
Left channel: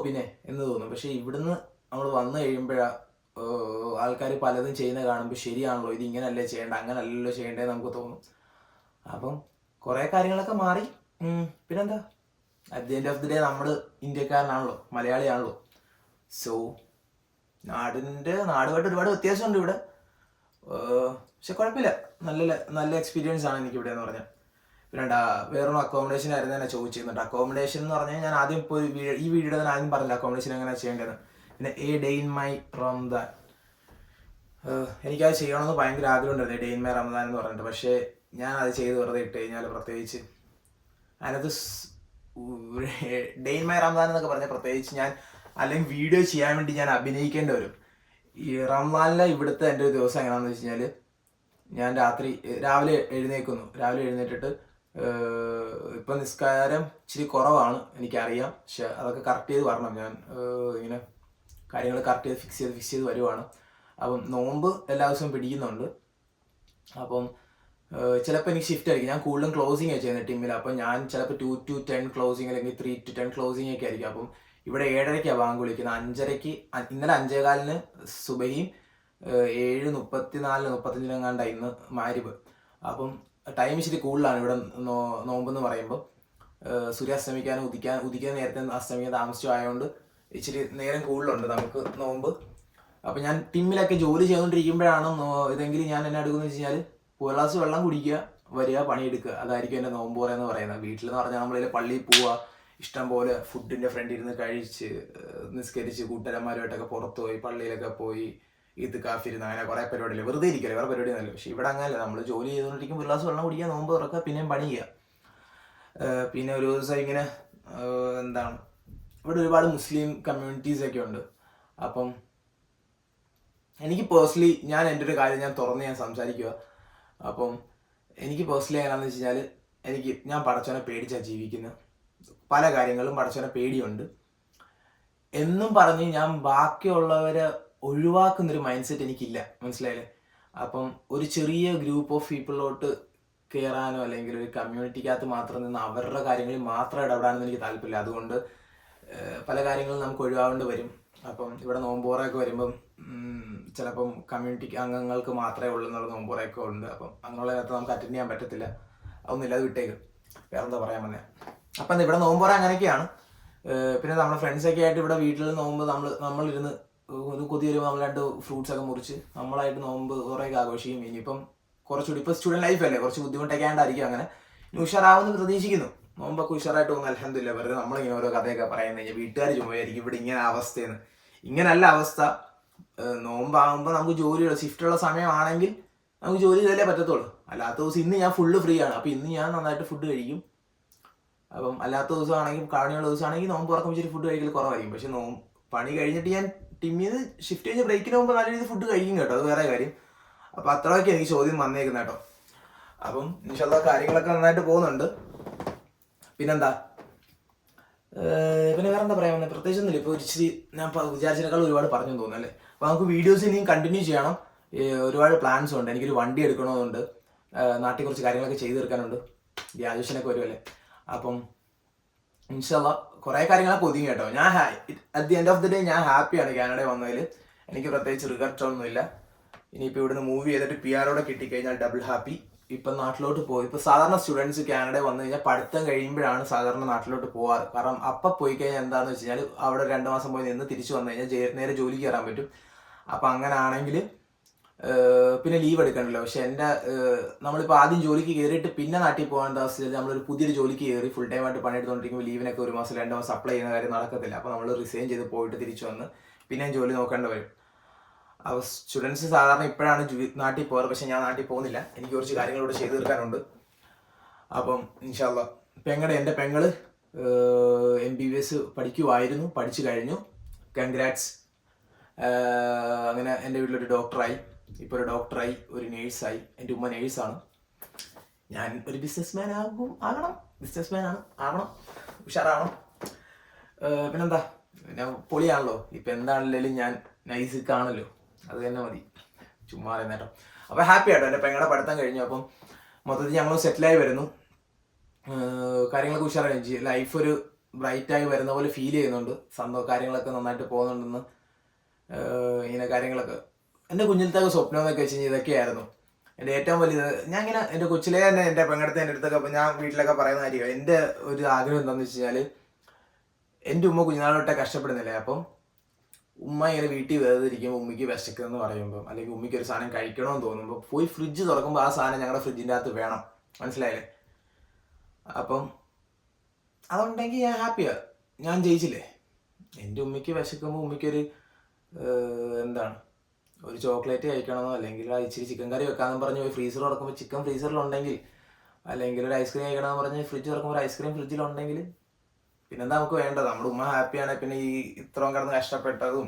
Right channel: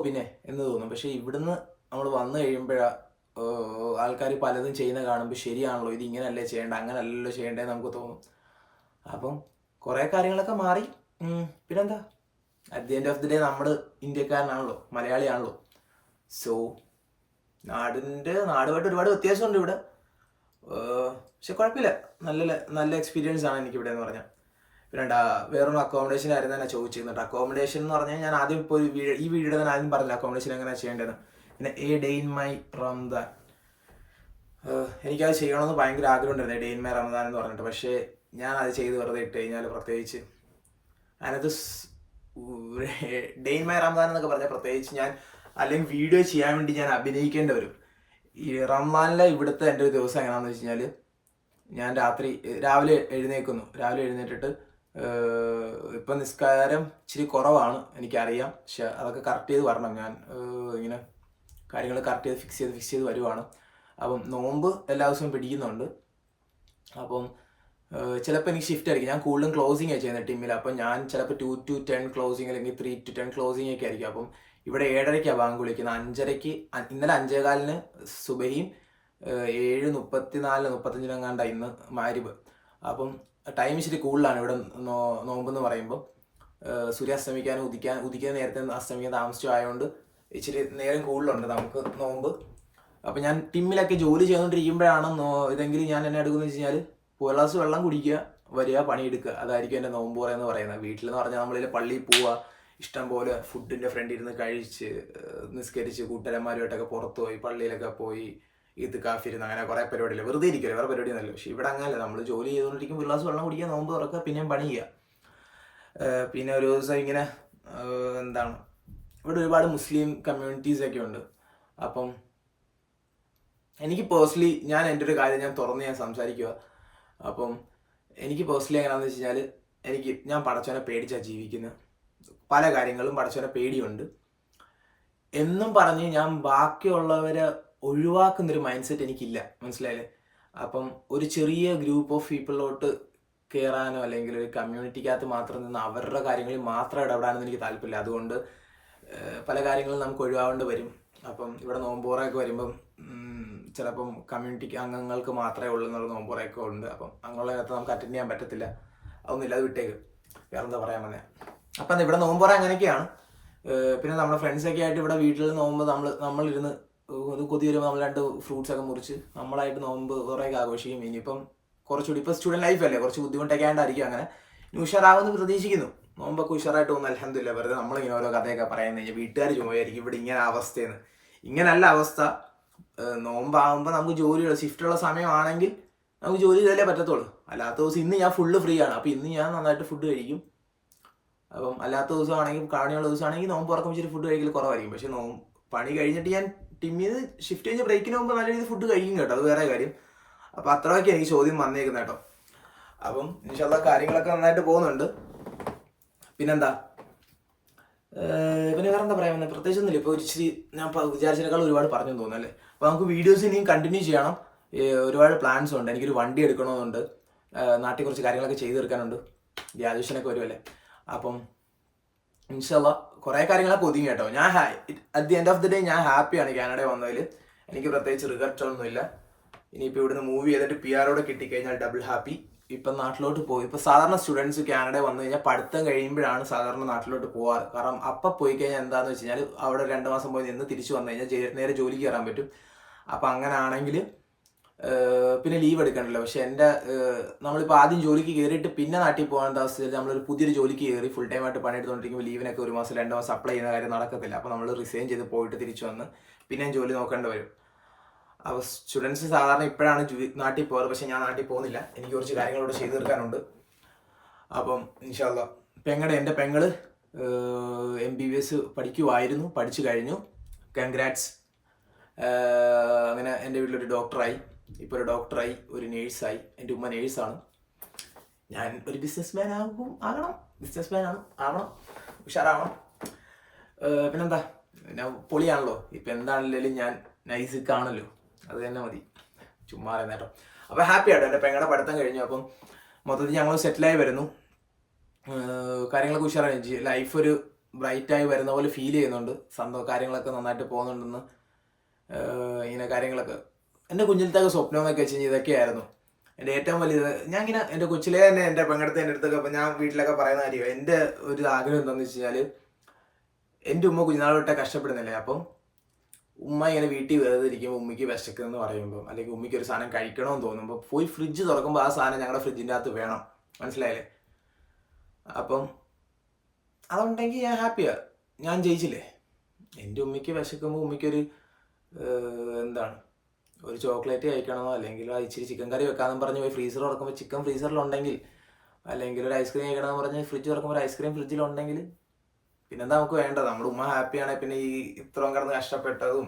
പിന്നെ എന്ന് തോന്നും. പക്ഷേ ഇവിടുന്ന് നമ്മൾ വന്നു കഴിയുമ്പോഴാണ് ആൾക്കാർ പലതും ചെയ്യുന്ന കാണുമ്പോൾ ശരിയാണല്ലോ, ഇത് ഇങ്ങനെയല്ലേ ചെയ്യേണ്ട, അങ്ങനെയല്ലല്ലോ ചെയ്യേണ്ടതെന്ന് നമുക്ക് തോന്നും. അപ്പം കുറേ കാര്യങ്ങളൊക്കെ മാറി. പിന്നെന്താ, at the end of the day നമ്മൾ ഇന്ത്യക്കാരനാണല്ലോ, മലയാളിയാണല്ലോ. സോ നാടുമായിട്ട് ഒരുപാട് വ്യത്യാസമുണ്ട് ഇവിടെ. പക്ഷെ കുഴപ്പമില്ല, നല്ല എക്സ്പീരിയൻസ് ആണ് എനിക്കിവിടെ എന്ന് പറഞ്ഞാൽ. പിന്നെ വേറൊരു അക്കോമഡേഷൻ ആയിരുന്നു തന്നെ ചോദിച്ചിരുന്നുണ്ട്. അക്കോമഡേഷൻ എന്ന് പറഞ്ഞാൽ ഞാൻ ആദ്യം പോയി ഈ വീഡിയോയുടെ തന്നെ ആദ്യം പറഞ്ഞില്ല അക്കോമഡേഷൻ എങ്ങനെയാണ് ചെയ്യേണ്ടത്. പിന്നെ A day in my Ramadan, എനിക്കത് ചെയ്യണമെന്ന് ഭയങ്കര ആഗ്രഹം ഉണ്ടായിരുന്നു, ഡേ ഇൻ മൈ റംദാൻ എന്ന് പറഞ്ഞിട്ട്. പക്ഷേ ഞാൻ അത് ചെയ്ത് വെറുതെ ഇട്ട് കഴിഞ്ഞാൽ, പ്രത്യേകിച്ച് അതിനകത്ത് ഡേ ഇൻ മൈ റംദാൻ എന്നൊക്കെ പറഞ്ഞാൽ പ്രത്യേകിച്ച് ഞാൻ അല്ലെങ്കിൽ വീഡിയോ ചെയ്യാൻ വേണ്ടി ഞാൻ അഭിനയിക്കേണ്ടി വരും. ഈ റംദാനിലെ ഇവിടുത്തെ എൻ്റെ ഒരു ദിവസം എങ്ങനെയാണെന്ന് വെച്ച് കഴിഞ്ഞാൽ, ഞാൻ രാവിലെ എഴുന്നേറ്റിട്ട് ഇപ്പം നിസ്കാരം ഇച്ചിരി കുറവാണ് എനിക്കറിയാം. പക്ഷെ അതൊക്കെ കറക്റ്റ് ചെയ്ത് വരണം. ഞാൻ ഇങ്ങനെ കാര്യങ്ങൾ കറക്റ്റ് ചെയ്ത് ഫിക്സ് ചെയ്ത് വരുവാണ്. അപ്പം നോമ്പ് എല്ലാ ദിവസവും പിടിക്കുന്നുണ്ട്. അപ്പം ചിലപ്പോൾ എനിക്ക് ഷിഫ്റ്റ് ആയിരിക്കും. ഞാൻ കൂടുതലും ക്ലോസിംഗ് ചെയ്യുന്നത് ടീമിൽ. അപ്പം ഞാൻ ചിലപ്പോൾ 2 to 10 ക്ലോസിങ് അല്ലെങ്കിൽ 3 to 10 ക്ലോസിംഗ് ഒക്കെ ആയിരിക്കും. അപ്പം ഇവിടെ 7:30 ബാങ്ക് വിളിക്കുന്നത്. 5:30 ഇന്നലെ 5:15 സുബഹിയും 7:34 35 ഇന്ന് മാരിബ്. അപ്പം ടൈം ഇച്ചിരി കൂടുതലാണ് ഇവിടെ നോമ്പെന്ന് പറയുമ്പോൾ. സൂര്യാസ്തമിക്കാനും ഉദിക്കാൻ നേരത്തെ അസ്തമിക്കാൻ താമസിച്ചു ആയതുകൊണ്ട് ഇച്ചിരി നേരം കൂടുതലുണ്ട് നമുക്ക് നോമ്പ്. അപ്പം ഞാൻ ടീമിലൊക്കെ ജോലി ചെയ്തുകൊണ്ടിരിക്കുമ്പോഴാണ് ഇതെങ്കിലും ഞാൻ എന്നെ എടുക്കുന്നത് വെച്ച് കഴിഞ്ഞാൽ ഒരു ഗ്ലാസ് വെള്ളം കുടിക്കുക, വരിക, പണിയെടുക്കുക. അതായിരിക്കും എൻ്റെ നോമ്പ് എന്ന് പറയുന്നത്. വീട്ടിലെന്ന് പറഞ്ഞാൽ നമ്മളിൽ പള്ളിയിൽ പോവുക, ഇഷ്ടം പോലെ ഫുഡിൻ്റെ ഫ്രണ്ടിൽ ഇരുന്ന് കഴിച്ച് നിസ്കരിച്ച് കൂട്ടുകാരന്മാരുമായിട്ടൊക്കെ പുറത്ത് പോയി പള്ളിയിലൊക്കെ പോയി ഇത് കാഫിരുന്ന് അങ്ങനെ കുറേ പരിപാടിയില്ല. വെറുതെ ഇരിക്കില്ല, വേറെ പരിപാടി ഒന്നുമല്ല. പക്ഷേ ഇവിടെ അങ്ങനെയല്ല. നമ്മൾ ജോലി ചെയ്തുകൊണ്ടിരിക്കുമ്പോൾ ഒരു ഗ്ലാസ് വെള്ളം കുടിക്കുക, നോമ്പ് തുറക്കുക, പിന്നെയും പണി ചെയ്യുക. പിന്നെ ഒരു ദിവസം ഇങ്ങനെ എന്താണ്, ഇവിടെ ഒരുപാട് മുസ്ലിം കമ്മ്യൂണിറ്റീസൊക്കെ ഉണ്ട്. അപ്പം എനിക്ക് പേഴ്സണലി ഞാൻ എൻ്റെ ഒരു കാര്യം ഞാൻ തുറന്ന് സംസാരിക്കുക. അപ്പം എനിക്ക് പേഴ്സണലി എങ്ങനെയാണെന്ന് വെച്ച് കഴിഞ്ഞാൽ ഞാൻ പടച്ചവനെ പേടിച്ചാണ് ജീവിക്കുന്നത്. പല കാര്യങ്ങളും പടച്ചവനെ പേടിയുണ്ട് എന്നും പറഞ്ഞ് ഞാൻ ബാക്കിയുള്ളവരെ ഒഴിവാക്കുന്നൊരു മൈൻഡ് സെറ്റ് എനിക്കില്ല, മനസ്സിലായില്ലേ? അപ്പം ഒരു ചെറിയ ഗ്രൂപ്പ് ഓഫ് പീപ്പിളിലോട്ട് കയറാനോ അല്ലെങ്കിൽ ഒരു കമ്മ്യൂണിറ്റിക്കകത്ത് മാത്രം നിന്ന് അവരുടെ കാര്യങ്ങളിൽ മാത്രം ഇടപെടാനൊന്നും എനിക്ക് താല്പര്യമില്ല. അതുകൊണ്ട് പല കാര്യങ്ങളും നമുക്ക് ഒഴിവാവേണ്ടി വരും. അപ്പം ഇവിടെ നോമ്പുറയൊക്കെ വരുമ്പം ചിലപ്പം കമ്മ്യൂണിറ്റി അംഗങ്ങൾക്ക് മാത്രമേ ഉള്ളൂ എന്നുള്ള നോമ്പുറയൊക്കെ ഉണ്ട്. അപ്പം അങ്ങനെയുള്ള നേരത്തെ നമുക്ക് അറ്റൻഡ് ചെയ്യാൻ പറ്റത്തില്ല. അതൊന്നുമില്ല, അത് വിട്ടേക്ക്. വേറെ എന്താ പറയാൻ വന്നേ? അപ്പം ഇവിടെ നോമ്പുറ അങ്ങനെയൊക്കെയാണ്. പിന്നെ നമ്മുടെ ഫ്രണ്ട്സൊക്കെ ആയിട്ട് ഇവിടെ വീട്ടിൽ നോമ്പ് നമ്മളിരുന്ന് ഒരു കൊതി വരുമ്പോൾ നമ്മൾ 2 ഫ്രൂട്ട്സ് ഒക്കെ മുറിച്ച് നമ്മളായിട്ട് നോമ്പ് കുറേയൊക്കെ ആഘോഷിക്കും. ഇനിയിപ്പം കുറച്ചുകൂടി ഇപ്പോൾ സ്റ്റുഡൻറ്റ് ലൈഫല്ലേ, കുറച്ച് ബുദ്ധിമുട്ടൊക്കെ ആയിട്ടായിരിക്കും അങ്ങനെ ഉഷാറാവുമെന്ന് പ്രതീക്ഷിക്കുന്നു. നോമ്പൊക്കെ ഉഷാറായിട്ട് പോകുന്നു, അൽഹംദുലില്ലാ. വെറുതെ നമ്മളിങ്ങനെ ഓരോ കഥയൊക്കെ പറയുന്നത് കഴിഞ്ഞാൽ വീട്ടുകാർ ചുമയായിരിക്കും ഇവിടെ ഇങ്ങനെ അവസ്ഥയെന്ന്. ഇങ്ങനല്ല അവസ്ഥ. നോമ്പാകുമ്പോൾ നമുക്ക് ജോലിയുള്ള ഷിഫ്റ്റുള്ള സമയമാണെങ്കിൽ നമുക്ക് ജോലി ചെയ്താലേ പറ്റത്തുള്ളൂ. അല്ലാത്ത ദിവസം ഇന്ന് ഞാൻ ഫുള്ള് ഫ്രീ ആണ്. അപ്പോൾ ഇന്ന് ഞാൻ നന്നായിട്ട് ഫുഡ് കഴിക്കും. അപ്പം അല്ലാത്ത ദിവസമാണെങ്കിൽ കാണിയുള്ള ദിവസമാണെങ്കിൽ നോമ്പ് തുറക്കുമ്പോൾ ഇച്ചിരി ഫുഡ് കഴിക്കൽ കുറവായിരിക്കും. പക്ഷെ പണി കഴിഞ്ഞിട്ട് ഞാൻ ടിമ്മിന്ന് ഷിഫ്റ്റ് കഴിഞ്ഞ് ബ്രേക്കിന് മുമ്പ് നല്ല രീതിയിൽ ഫുഡ് കഴിക്കും കേട്ടോ, അത് വേറെ കാര്യം. അപ്പം അത്രയൊക്കെ എനിക്ക് ചോദ്യം വന്നേക്കുന്നത് കേട്ടോ. അപ്പം ഇൻഷാല്ലാ കാര്യങ്ങളൊക്കെ നന്നായിട്ട് പോകുന്നുണ്ട്. പിന്നെന്താ പിന്നെ വേറെ എന്താ പറയാൻ വന്നത്? പ്രത്യേകിച്ചൊന്നുമില്ല. ഇപ്പോൾ ഇച്ചിരി ഞാൻ വിചാരിച്ചതിനേക്കാൾ ഒരുപാട് പറഞ്ഞു തോന്നുന്നു അല്ലേ. അപ്പോൾ നമുക്ക് വീഡിയോസ് ഇനിയും കണ്ടിന്യൂ ചെയ്യണം. ഒരുപാട് പ്ലാൻസ് ഉണ്ട്. എനിക്കൊരു വണ്ടി എടുക്കണമെന്നുണ്ട്. നാട്ടിൽ കുറച്ച് കാര്യങ്ങളൊക്കെ ചെയ്തു തീർക്കാനുണ്ട്. ഗ്രാജുവേഷനൊക്കെ വരുമല്ലേ. അപ്പം ഇൻഷാല്ലാ കുറേ കാര്യങ്ങളൊക്കെ ഒതുങ്ങി കേട്ടോ. ഞാൻ at the end of the day ഞാൻ ഹാപ്പിയാണ് കാനഡയിൽ വന്നതിൽ. എനിക്ക് പ്രത്യേകിച്ച് റിഗ്രറ്റ് ഒന്നുമില്ല. ഇനിയിപ്പോൾ ഇവിടുന്ന് മൂവ് ചെയ്തിട്ട് PR കിട്ടിക്കഴിഞ്ഞാൽ ഡബിൾ ഹാപ്പി. ഇപ്പം നാട്ടിലോട്ട് പോയി. ഇപ്പോൾ സാധാരണ സ്റ്റുഡൻസ് കാനഡയിൽ വന്നു കഴിഞ്ഞാൽ പഠിത്തം കഴിയുമ്പോഴാണ് സാധാരണ നാട്ടിലോട്ട് പോകാറ്. കാരണം അപ്പം പോയി കഴിഞ്ഞാൽ എന്താണെന്ന് വെച്ച് കഴിഞ്ഞാൽ അവിടെ 2 മാസം പോയി നിന്ന് തിരിച്ചു വന്നു കഴിഞ്ഞാൽ നേരെ ജോലിക്ക് കയറാൻ പറ്റും. അപ്പം അങ്ങനെ ആണെങ്കിൽ പിന്നെ ലീവ് എടുക്കണമല്ലോ. പക്ഷെ നമ്മളിപ്പോൾ ആദ്യം ജോലിക്ക് കയറിയിട്ട് പിന്നെ നാട്ടിൽ പോകേണ്ട അവസ്ഥയിൽ നമ്മളൊരു പുതിയൊരു ജോലിക്ക് കയറി ഫുൾ ടൈം ആയിട്ട് പണിയെടുത്തുകൊണ്ടിരിക്കുമ്പോൾ ലീവിനൊക്കെ 1 മാസം 2 മാസം അപ്ലൈ ചെയ്യുന്ന കാര്യം നടക്കത്തില്ല. അപ്പോൾ നമ്മൾ റിസൈൻ ചെയ്ത് പോയിട്ട് തിരിച്ചു വന്ന് പിന്നെയും ജോലി നോക്കേണ്ടി വരും. അപ്പോൾ സ്റ്റുഡൻസ് സാധാരണ ഇപ്പോഴാണ് നാട്ടിൽ പോകാറ്. പക്ഷെ ഞാൻ നാട്ടിൽ പോകുന്നില്ല. എനിക്ക് കുറച്ച് കാര്യങ്ങളോട് ചെയ്തു തീർക്കാനുണ്ട്. അപ്പം ഇൻഷാല്ലാ എൻ്റെ പെങ്ങള് MBBS പഠിക്കുമായിരുന്നു, പഠിച്ചു കഴിഞ്ഞു. കൺഗ്രാറ്റ്സ്. അങ്ങനെ എൻ്റെ വീട്ടിലൊരു ഡോക്ടറായി. ഇപ്പോൾ ഒരു ഡോക്ടറായി, ഒരു നേഴ്സായി. എൻ്റെ ഉമ്മ നേഴ്സാണ്. ഞാൻ ഒരു ബിസിനസ്മാൻ ആവണം, ഉഷാറാവണം. പിന്നെന്താ, പിന്നെ പൊളിയാണല്ലോ. ഇപ്പം എന്താണെങ്കിലും ഞാൻ നൈസിക്കാണല്ലോ, അത് തന്നെ മതി. ചുമ്മാ നേട്ടോ. അപ്പോൾ ഹാപ്പി ആട്ടോ. എൻ്റെ പെങ്ങളുടെ പഠിത്തം കഴിഞ്ഞു. അപ്പം മൊത്തത്തിൽ ഞങ്ങൾ സെറ്റിലായി വരുന്നു. കാര്യങ്ങളൊക്കെ ഉഷാറായി. ലൈഫ് ഒരു ബ്രൈറ്റായി വരുന്ന പോലെ ഫീൽ ചെയ്യുന്നുണ്ട്. കാര്യങ്ങളൊക്കെ നന്നായിട്ട് പോകുന്നുണ്ടെന്ന്. ഇങ്ങനെ കാര്യങ്ങളൊക്കെ എൻ്റെ കുഞ്ഞിലത്തൊക്കെ സ്വപ്നം എന്നൊക്കെ വെച്ച് കഴിഞ്ഞാൽ ഇതൊക്കെയായിരുന്നു എൻ്റെ ഏറ്റവും വലിയത്. ഞാൻ ഇങ്ങനെ എൻ്റെ കൊച്ചിലേ തന്നെ എൻ്റെ പെങ്ങടുത്ത് എൻ്റെ അടുത്തൊക്കെ അപ്പം ഞാൻ വീട്ടിലൊക്കെ പറയുന്ന കാര്യം, എൻ്റെ ഒരു ആഗ്രഹം എന്താണെന്ന് വെച്ച് കഴിഞ്ഞാൽ എൻ്റെ ഉമ്മ കുഞ്ഞുനാളോട്ടെ കഷ്ടപ്പെടുന്നില്ലേ. അപ്പം ഉമ്മ ഇങ്ങനെ വീട്ടിൽ വേർതിരിക്കുമ്പോൾ ഉമ്മയ്ക്ക് വിശക്കുമെന്ന് പറയുമ്പോൾ അല്ലെങ്കിൽ ഉമ്മയ്ക്ക് ഒരു സാധനം കഴിക്കണമെന്ന് തോന്നുമ്പോൾ പോയി ഫ്രിഡ്ജ് തുറക്കുമ്പോൾ ആ സാധനം ഞങ്ങളുടെ ഫ്രിഡ്ജിൻ്റെ അകത്ത് വേണം, മനസ്സിലായില്ലേ? അപ്പം അതുണ്ടെങ്കിൽ ഞാൻ ഹാപ്പിയാണ്. ഞാൻ ജയിച്ചില്ലേ. എൻ്റെ ഉമ്മയ്ക്ക് വിശക്കുമ്പോൾ ഉമ്മയ്ക്കൊരു എന്താണ് ഒരു ചോക്ലേറ്റ് കഴിക്കണമെന്നോ അല്ലെങ്കിൽ ഇച്ചിരി ചിക്കൻ കറി വെക്കാമെന്ന് പറഞ്ഞ് പോയി ഫ്രീസർ തുറക്കുമ്പോൾ ചിക്കൻ ഫ്രീസറിലുണ്ടെങ്കിൽ, അല്ലെങ്കിൽ ഒരു ഐസ്ക്രീം കഴിക്കണമെന്ന് പറഞ്ഞ് ഫ്രിഡ്ജ് തുറക്കുമ്പോൾ ഒരു ഐസ്ക്രീം ഫ്രിഡ്ജിലുണ്ടെങ്കിൽ പിന്നെന്താ നമുക്ക് വേണ്ടത്? നമ്മുടെ ഉമ്മ ഹാപ്പിയാണെങ്കിൽ പിന്നെ ഈ ഇത്രയും കിടന്ന് കഷ്ടപ്പെട്ടതും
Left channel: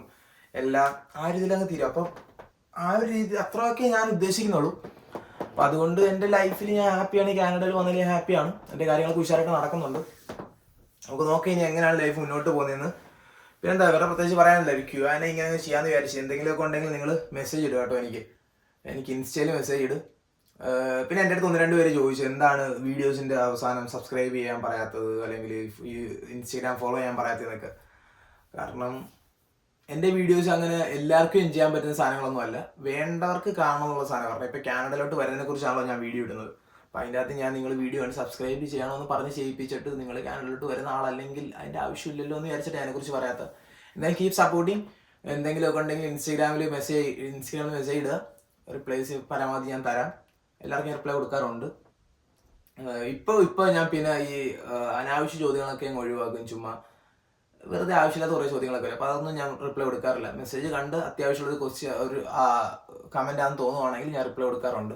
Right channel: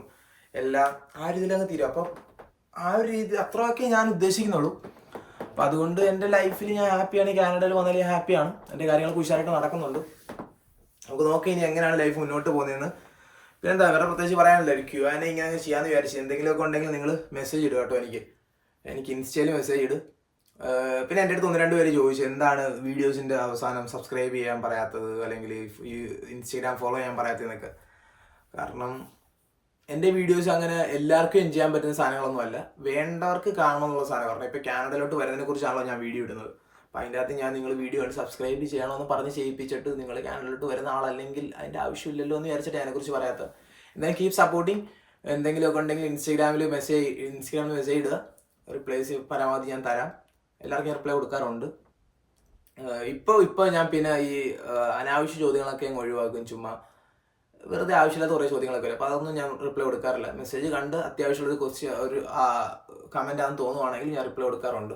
എല്ലാം ആ ഒരു ഇതിലങ്ങ് തീരും. അപ്പം ആ ഒരു രീതി അത്രയൊക്കെ ഞാൻ ഉദ്ദേശിക്കുന്നുള്ളൂ. അപ്പം അതുകൊണ്ട് എൻ്റെ ലൈഫിൽ ഞാൻ ഹാപ്പിയാണ്. കാനഡയിൽ വന്നാലും ഹാപ്പിയാണ്. എൻ്റെ കാര്യങ്ങളൊക്കെ ഉഷാറായിട്ട് നടക്കുന്നുണ്ട്. നമുക്ക് നോക്കാം ഇനി എങ്ങനെയാണ് ലൈഫ് മുന്നോട്ട് പോകുന്നതെന്ന്. പിന്നെന്താ വേറെ പ്രത്യേകിച്ച് പറയാനില്ല. ഒരു Q&A ഇങ്ങനെ ചെയ്യാമെന്ന് വിചാരിച്ചു. എന്തെങ്കിലുമൊക്കെ ഉണ്ടെങ്കിൽ നിങ്ങൾ മെസ്സേജ് ഇടുക കേട്ടോ. എനിക്ക് ഇൻസ്റ്റയിൽ മെസ്സേജ് ഇട്. പിന്നെ എൻ്റെ അടുത്ത് 1-2 പേര് ചോദിച്ചു എന്താണ് വീഡിയോസിൻ്റെ അവസാനം സബ്സ്ക്രൈബ് ചെയ്യാൻ പറയാത്തത് അല്ലെങ്കിൽ ഈ ഇൻസ്റ്റഗ്രാം ഫോളോ ചെയ്യാൻ പറയാത്തതെന്നൊക്കെ. കാരണം എൻ്റെ വീഡിയോസ് അങ്ങനെ എല്ലാവർക്കും എൻജോയ് ചെയ്യാൻ പറ്റുന്ന സാധനങ്ങളൊന്നും അല്ല. വേണ്ടവർക്ക് കാണണം എന്നുള്ള സാധനം. കാരണം ഇപ്പോൾ കാനഡയിലോട്ട് വരുന്നതിനെ കുറിച്ചാണല്ലോ ഞാൻ വീഡിയോ ഇടുന്നത്. അപ്പോൾ അതിൻ്റെ അകത്ത് ഞാൻ നിങ്ങൾ വീഡിയോ കണ്ട് സബ്സ്ക്രൈബ് ചെയ്യണമെന്ന് പറഞ്ഞ് ചെയ്യിപ്പിച്ചിട്ട് നിങ്ങൾ കാനഡയിലോട്ട് വരുന്ന ആളല്ലെങ്കിൽ അതിൻ്റെ ആവശ്യമില്ലല്ലോ എന്ന് വിചാരിച്ചിട്ട് അതിനെക്കുറിച്ച് പറയാത്തത്. എന്തായാലും കീപ് സപ്പോർട്ടിങ്. എന്തെങ്കിലുമൊക്കെ ഉണ്ടെങ്കിൽ ഇൻസ്റ്റഗ്രാമിൽ മെസ്സേജ് ഇടുക. റിപ്ലൈസ് പരമാവധി ഞാൻ തരാം. എല്ലാവർക്കും റിപ്ലൈ കൊടുക്കാറുണ്ട്. ഇപ്പോൾ ഞാൻ പിന്നെ ഈ അനാവശ്യ ചോദ്യങ്ങളൊക്കെ അങ്ങ് ഒഴിവാക്കും. ചുമ്മാ വെറുതെ ആവശ്യമില്ലാത്ത കുറേ ചോദ്യങ്ങളൊക്കെ വരും. അപ്പോൾ അതൊന്നും ഞാൻ റിപ്ലൈ കൊടുക്കാറില്ല. മെസ്സേജ് കണ്ട് അത്യാവശ്യമുള്ളൊരു ഒരു കമൻ്റ് ആണെന്ന് തോന്നുവാണെങ്കിൽ ഞാൻ റിപ്ലൈ കൊടുക്കാറുണ്ട്.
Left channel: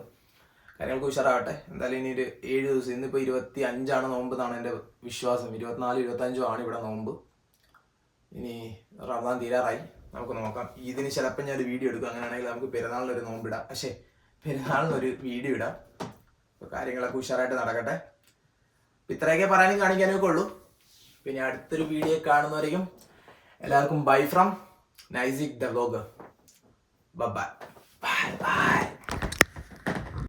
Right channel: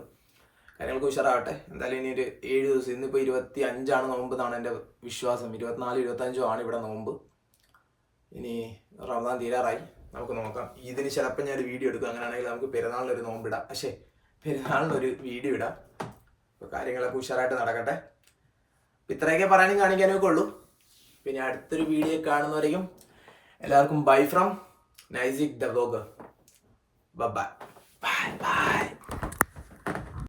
കാര്യങ്ങൾക്ക് ഉഷാറാവട്ടെ. എന്തായാലും ഇനി ഒരു 7 ദിവസം, ഇന്നിപ്പോൾ 25 നോമ്പ് എന്നാണ് എൻ്റെ വിശ്വാസം. 24-25 ആണ് ഇവിടെ നോമ്പ്. ഇനി റമദാൻ തീരാറായി. നമുക്ക് നോക്കാം. ഇതിന് ചിലപ്പോൾ ഞാനൊരു വീഡിയോ എടുക്കും. അങ്ങനെയാണെങ്കിൽ നമുക്ക് പെരുന്നാളിനൊരു നോമ്പിടാം. പെരുന്നാളിനൊരു വീഡിയോ ഇടാം. അപ്പോൾ കാര്യങ്ങളൊക്കെ ഉഷാറായിട്ട് നടക്കട്ടെ. ഇത്രയൊക്കെ പറയാനും കാണിക്കാനൊക്കെ ഉള്ളൂ. പിന്നെ അടുത്തൊരു വീഡിയോ കാണുന്നവരേക്കും എല്ലാവർക്കും bye from Naisik the vlogger. Bye bye.